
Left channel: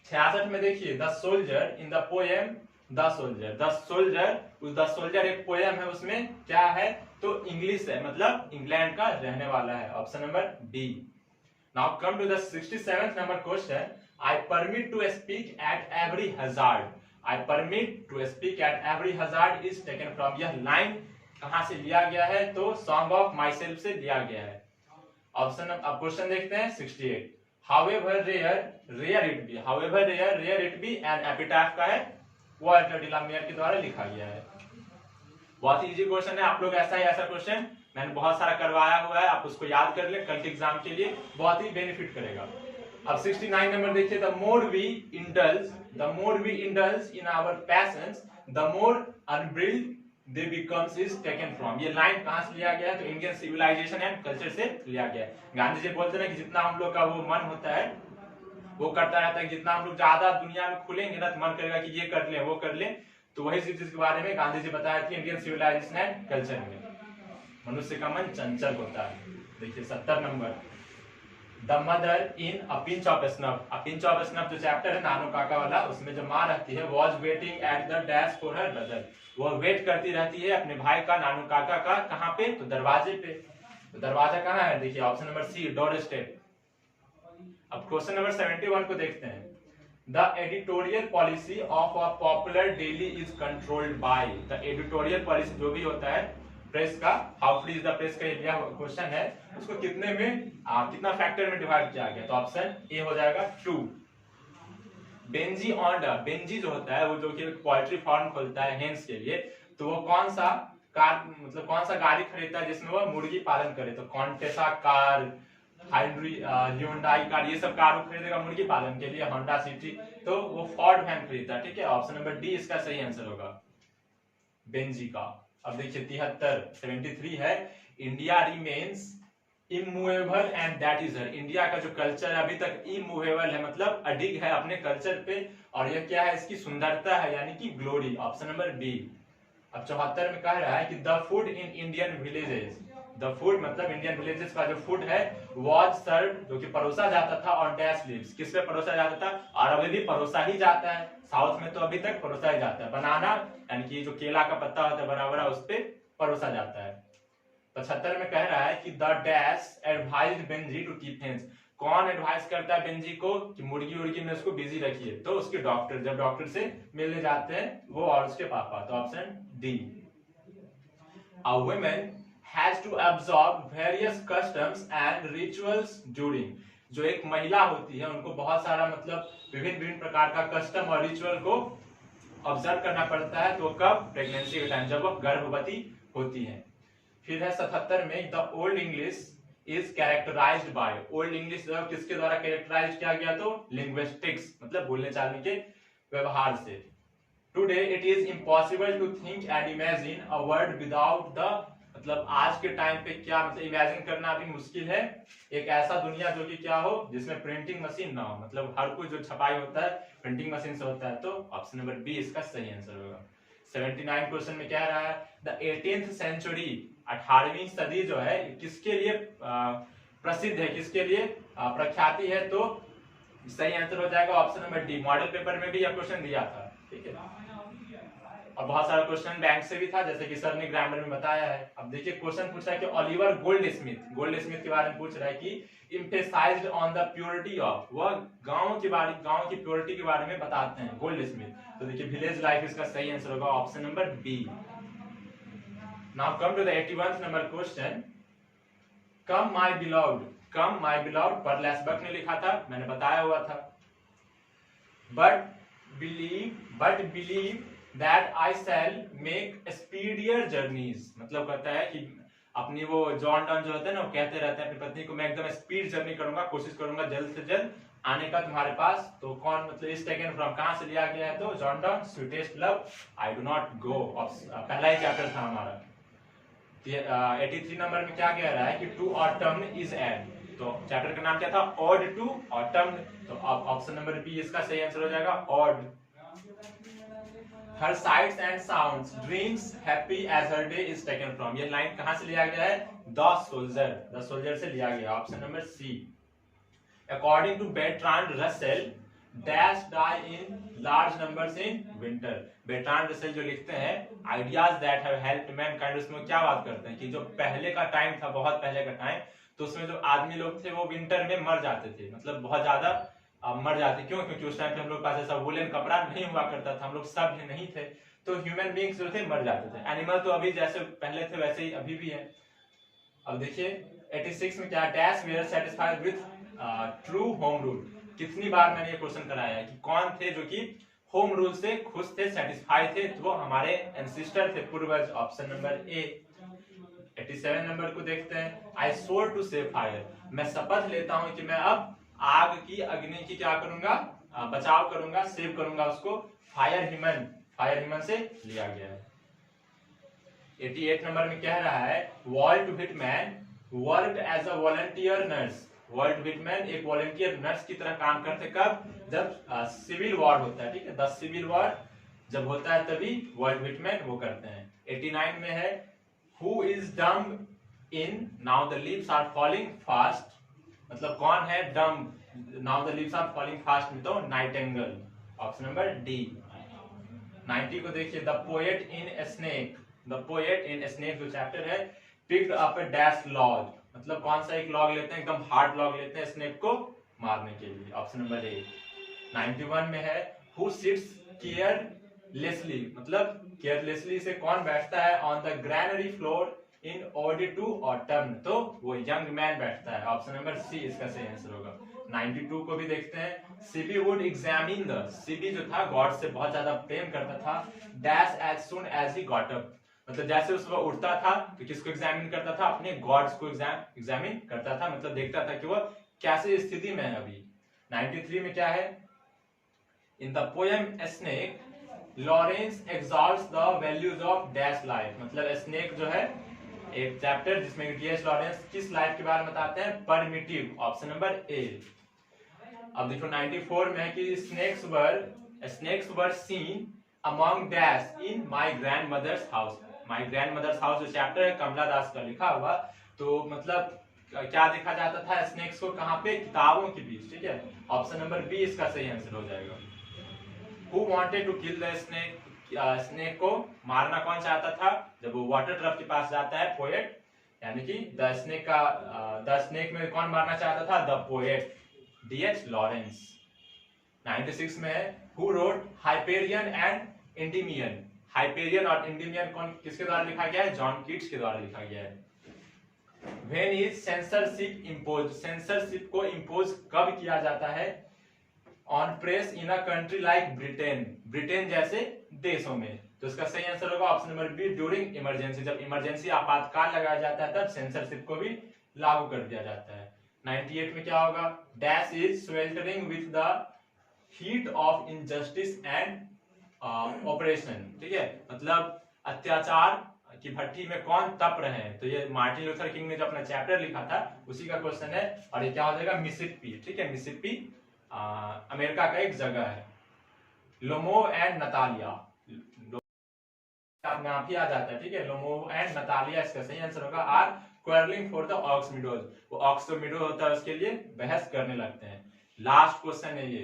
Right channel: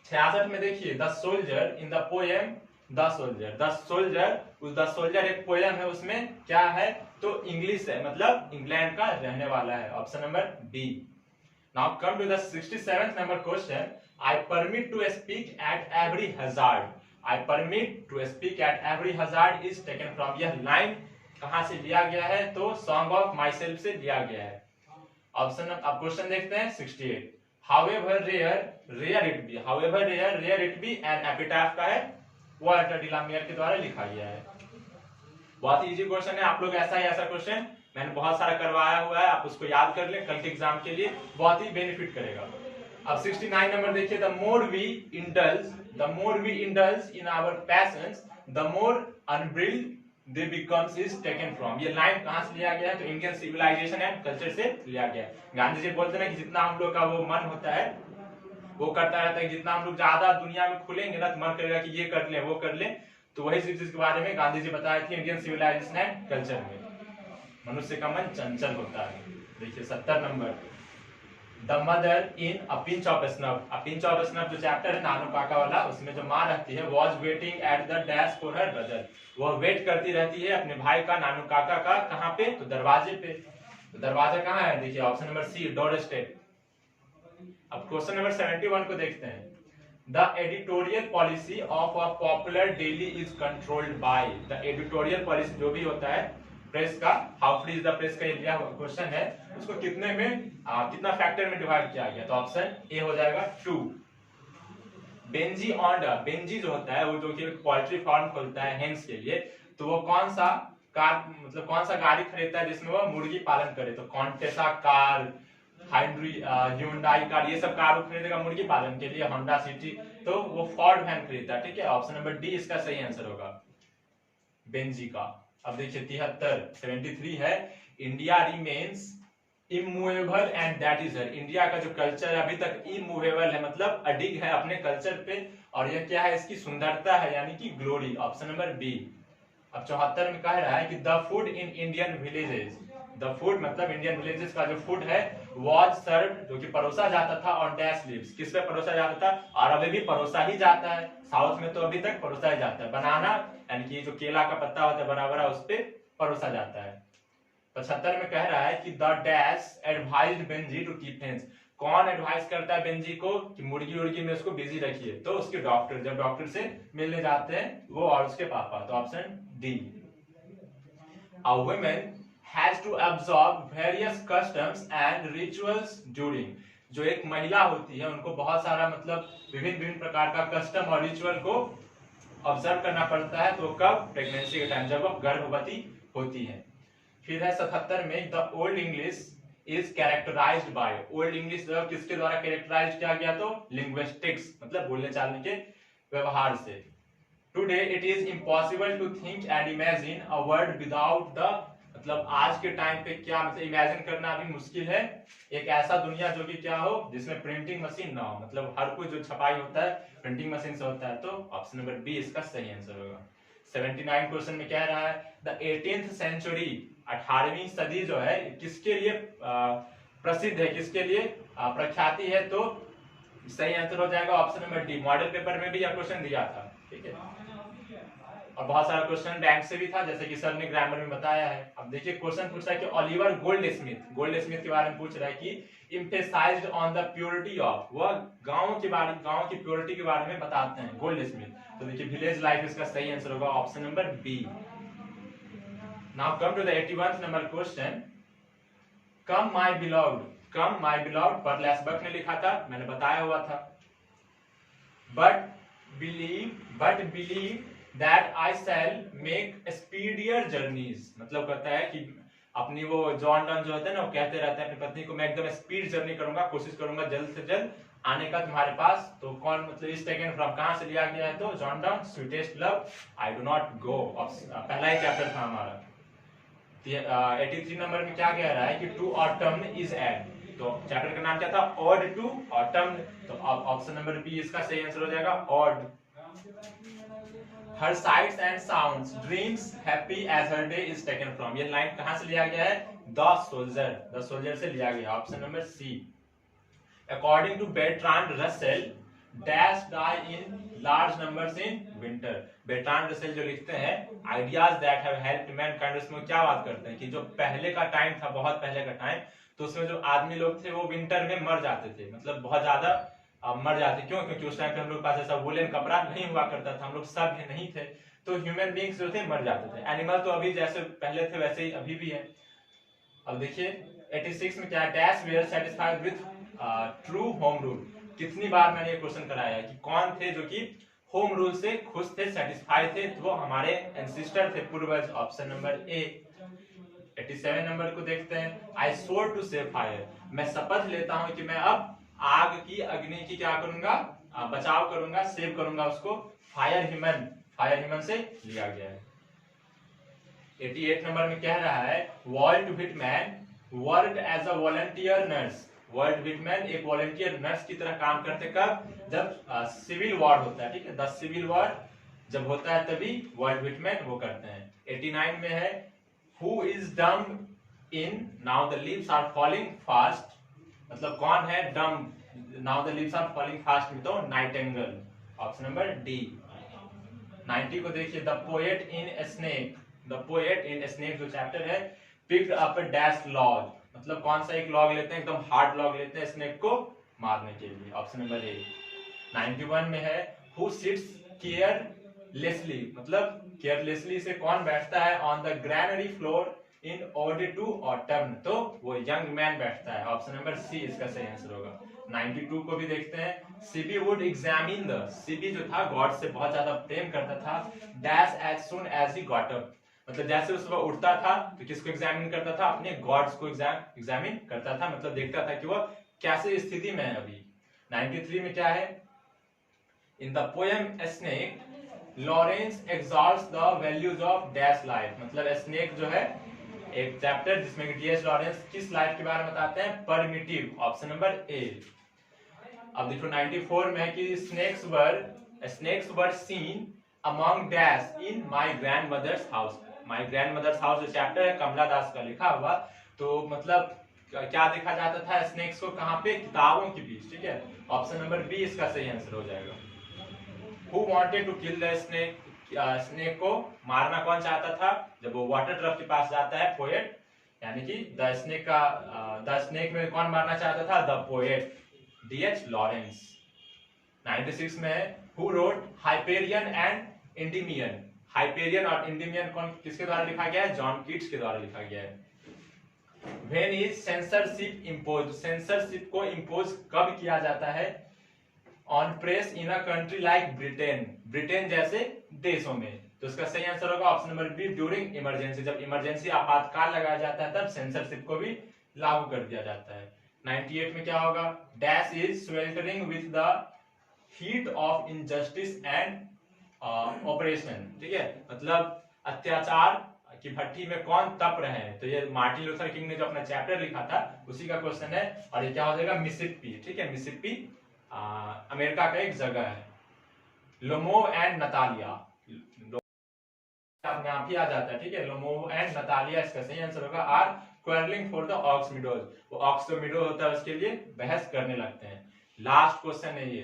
66 में देखिए the soldier in the poem the soldier. The soldier एक पोएम है, उसमें क्या है, तो इंग्लिश है, मतलब इंग्लैंड का रहने वाला है। Option number B. Now come to the 67th number question. I permit to speak at every hazard. I permit to speak at every hazard is taken from। यह लाइन कहां से लिया गया है, तो Song of Myself से लिया गया है। ऑप्शन, अब क्वेश्चन देखते हैं 68। However rare it be, however rare it be an epitaph का है, वॉल्टर डिलामियर के द्वारा लिखा गया है। बहुत ही इजी क्वेश्चन है। आप लोग ऐसा क्वेश्चन मैंने बहुत सारा करवाया हुआ है, आप उसको याद कर ले, कल के एग्जाम के लिए बहुत ही बेनिफिट करेगा। अब 69 नंबर देखिए, the more we indulge in our passions the more unbridled they becomes is taken from. ये लाइन कहां से लिया गया है, तो इंडियन सिविलाइजेशन एंड कल्चर से लिया गया है। गांधी जी बोलते हैं कि जितना हम लोग का वो मन होता है वो करता रहता है, जितना हम लोग ज्यादा दुनिया में खुलेंगे ना तो मन करेगा कि ये कर ले वो कर ले। तो वही चीज के बारे में गांधी जी बताए थे इंडियन सिविलाइजेशन एंड कल्चर में। मनुष्य का मन चंचल होता है। देखिए 70 number, the mother in a pinch of snuff. A pinch of snuff जो चैप्टर है नानू काका वाला, उसमें जो माँ रहती है was waiting at the dash for her brother. वो वेट करती रहती है अपने भाई का, नानू काका का, कहाँ पे, तो दरवाजे पे। तो दरवाजा कहाँ है, देखिए option number C, doorstep. अब क्वेश्चन नंबर 71 को देखते हैं। The editorial policy of a popular daily is controlled by. The editorial policy जो भी होता है प्रेस का, how free is the press का एरिया क्वेश्चन है, उसको कितने में कितना फैक्टर में डिवाइड किया गया, तो ऑप्शन ए हो जाएगा 2। बेंजी ऑन्डा, बेंजी जो होता है वो जो कि पोल्ट्री फार्म खोलता है हेन्स के लिए, तो वो कौन सा कार मतलब कौन सा गाड़ी खरीदता है जिसमें वो मुर्गी पालन करे, तो कॉन्टेसा कार, ह्यूंडई कार, ये सब कार वो खरीदेगा मुर्गी पालन के लिए, होंडा सिटी, तो वो फोर्ड वैन खरीदता है। ठीक है, ऑप्शन नंबर डी इसका सही आंसर होगा बेंजी का। अब देखिए 73 है, India remains immovable and that is her, India का जो कल्चर है अभी तक इमूवेबल है, मतलब अडिग है अपने कल्चर पे, और यह क्या है, इसकी सुंदरता है यानी कि ग्लोरी, ऑप्शन नंबर बी। अब 74 में कह रहा है कि the food in Indian villages, the food मतलब इंडियन विलेजेस का जो फूड है वाज सर्व, जो कि परोसा जाता था ऑन डैश लीव्स, किस पे परोसा जाता था, और अभी भी परोसा ही जाता है, साउथ में तो अभी तक परोसा ही जाता है, बनाना यानी कि जो केला का पत्ता होता है बड़ा बड़ा उस पे परोसा जाता है। 75 में कह रहा है कि the dash advised Benjy to keep hens, कौन एडवाइस करता है बेंजी को कि मुर्गी उर्गी में उसको बिजी रखिए, तो उसके डॉक्टर, जब डॉक्टर से मिलने जाते हैं वो और उसके पापा, तो option D. A woman has to absorb various customs and rituals during, जो एक महिला होती है उनको बहुत सारा मतलब विभिन्न विभिन्न प्रकार का कस्टम और रिचुअल को ऑब्जर्व करना पड़ता है, तो कब, प्रेगनेंसी के टाइम, जब वो गर्भवती होती है। फिर है 77 में the old English is characterized by, old English किसके द्वारा कैरेक्टराइज किया गया, तो लिंग्विस्टिक्स मतलब बोलने चालने के व्यवहार से। Today it is impossible to think and imagine a word without the, मतलब आज के टाइम पे क्या मतलब इमेजिन करना भी मुश्किल है एक ऐसा दुनिया जो कि क्या हो जिसमें प्रिंटिंग मशीन ना हो, मतलब हर कोई जो छपाई होता है प्रिंटिंग मशीन से होता है, तो ऑप्शन नंबर बी इसका सही आंसर होगा। 79 क्वेश्चन में क्या रहा है, द 18th सेंचुरी, 18वीं सदी जो है किसके लिए प्रसिद्ध है, किसके लिए प्रख्याति है, तो सही आंसर हो जाएगा option number D. Model paper में भी यह क्वेश्चन दिया था। ठीक है, और बहुत सारा क्वेश्चन बैंक से भी था जैसे कि सर ने ग्रामर में बताया है। अब देखिए क्वेश्चन पूछा है कि ओलिवर गोल्ड स्मिथ के बारे में पूछ रहा है कि emphasised on the purity of, वह गांव की प्योरिटी के बारे में बताते हैं गोल्ड स्मिथ, तो देखिए विलेज लाइफ इसका सही आंसर होगा option number B. Now come to the 81th number question, come my beloved Pearl S Buck ने लिखा था, मैंने बताया हुआ था, but believe that I shall make speedier journeys, मतलब कहता है कि अपनी वो जॉन डन जो होते हैं ना, वो कहते रहते हैं अपनी पत्नी को, मैं एकदम स्पीड जर्नी करूंगा, कोशिश करूंगा जल्द से जल्द आने का तुम्हारे पास, तो कौन मतलब इस टेकन फ्रॉम कहां से लिया गया है, तो John Donne sweetest love I do not go, पहला ही चैप्टर था हमारा। 83 नंबर में क्या कह रहा है कि टू ऑटम इज एड, तो चैप्टर का नाम क्या था, ऑड टू ऑटम, तो ऑप्शन नंबर बी इसका सही आंसर हो जाएगा ode. Her sights and sounds dreams happy as her day is taken from, ये लाइन कहां से लिया गया है, द सोल्जर से लिया गया, option number C. According to Bertrand Russell dash die in large numbers in winter, Bertrand Russell जो लिखते हैं ideas that have helped mankind, उसमें क्या बात करते हैं कि जो पहले का टाइम था, बहुत पहले का टाइम, तो उसमें जो आदमी लोग थे वो विंटर में मर जाते थे, मतलब बहुत ज्यादा मर जाते, क्यों, क्योंकि उस टाइम पे हम लोग पास ऐसा वुलन कपड़ा नहीं हुआ करता था, हम लोग सब नहीं थे, तो ह्यूमन बींग्स जो थे मर जाते थे। एनिमल तो अभी जैसे पहले थे वैसे ही अभी भी है। अब देखिए 86 में क्या, dash were satisfied with true home rule, कितनी बार मैंने ये क्वेश्चन कराया है कि कौन थे जो कि होम रूल से खुश थे, सेटिस्फाइड थे, तो वो हमारे एंसिस्टर थे, पूर्वज, ऑप्शन नंबर ए। 87 नंबर को देखते हैं, आई स्वोर टू सेव फायर, मैं शपथ लेता हूं कि मैं अब आग की, अग्नि की क्या करूंगा, बचाव करूंगा, सेव करूंगा उसको, फायर ह्यूमन से लिया गया है। 88 नंबर में कह रहा है Walt Whitman worked as a volunteer nurse, Walt Whitman एक वॉलंटियर नर्स की तरह काम करते, कब, जब सिविल वॉर होता है, ठीक है, द सिविल वॉर जब होता है तभी वर्ल्ड व्हिटमैन वो करते हैं। 89 में है who is dumb in now the leaves are falling fast, मतलब कौन है dumb, now the leaves are falling fast में, तो नाइटिंगेल, ऑप्शन नंबर डी। 90 को देखिए, द पोएट इन स्नेक जो चैप्टर है, picked up a dash log, मतलब कौन सा एक लॉग लेते हैं, एकदम हार्ड लॉग लेते हैं स्नेक को मारने के लिए, ऑप्शन नंबर ए। 91 में है हु सिट्स केयरलेसली, मतलब केयरलेसली से कौन बैठता है on the granary floor in order to autumn, तो वो यंग मैन बैठता है। ऑप्शन नंबर सी इसका सही आंसर होगा। 92 को भी देखते हैं। Sibi would examine the, Sibi जो था गॉड से बहुत ज्यादा प्रेम करता था, dash as soon as he got up, मतलब जैसे उसको उठता था तो किसको एग्जामिन करता था, अपने गॉड्स को एग्जामिन करता था, मतलब देखता था कि वो कैसी स्थिति में है अभी। 93 में क्या है, in the poem snake Lawrence exalts the values of dash life, मतलब स्नेक जो है एक चैप्टर जिसमें डी.एच. लॉरेंस किस लाइफ के बारे में बताते हैं, परमिटिव, ऑप्शन नंबर ए। अब देखो 94 में कि snakes were seen among dash in my grandmother's house, my grandmother's house जो चैप्टर है कमला दास का लिखा हुआ, तो मतलब क्या देखा जाता था स्नेक्स को, कहां पे, किताबों के बीच, ठीक है। ऑप्शन नंबर बी इसका सही आंसर हो जाएगा। Who wanted to kill the snake, snake को मारना कौन चाहता था, जब वो वाटर ट्रफ के पास जाता है पोएट, यानी कि द स्नेक में कौन मारना चाहता था, द पोएट डी.एच. लॉरेंस। 96 में who wrote Hyperion and Endymion, Hyperion और एंडिमियन कौन किसके द्वारा लिखा गया है, जॉन कीट्स के द्वारा लिखा गया है। When is censorship impose, censorship को इम्पोज कब किया जाता है on press in a country like Britain, Britain जैसे देशों में, तो इसका सही आंसर होगा option number B, during emergency, जब इमरजेंसी आपातकाल लगाया जाता है तब सेंसरशिप को भी लागू कर दिया जाता है। 98 में क्या होगा, dash is sweltering with the heat of injustice and operation, ठीक है, मतलब अत्याचार की भट्टी में कौन तप रहे हैं, तो ये मार्टिन लूथर किंग ने जो अपना चैप्टर लिखा था उसी का क्वेश्चन है, और ये क्या हो जाएगा, मिसिसिपी, ठीक है, मिसिसिपी अमेरिका का एक जगह है। लोमोव एंड नतालिया, अपने आप ही आ जाता है, ठीक है, लोमोव एंड नतालिया इसका सही आंसर होगा। Are quarrelling for the ox meadows, वो ऑक्स जो मीडो होता है उसके लिए बहस करने लगते हैं। लास्ट क्वेश्चन है ये,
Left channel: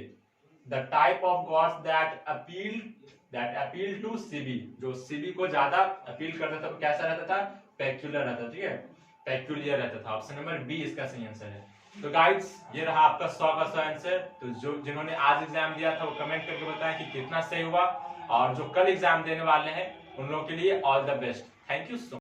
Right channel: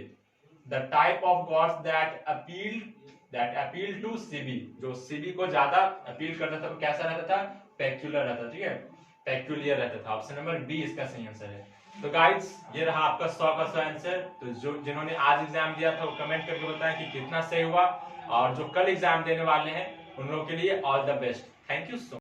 the type of gods that appeal to Sibi, जो सीबी को ज्यादा अपील करता था वो कैसा रहता था, पेक्यूलर रहता, ठीक है, पेक्यूलियर रहता था। ऑप्शन नंबर बी इसका सही आंसर है। तो गाइड्स ये रहा आपका 100 का 100 आंसर। तो जो जिन्होंने आज एग्जाम दिया था वो कमेंट करके बताएं कि कितना सही हुआ, और जो कल एग्जाम देने वाले हैं उन लोगों के लिए all the best. Thank you so much.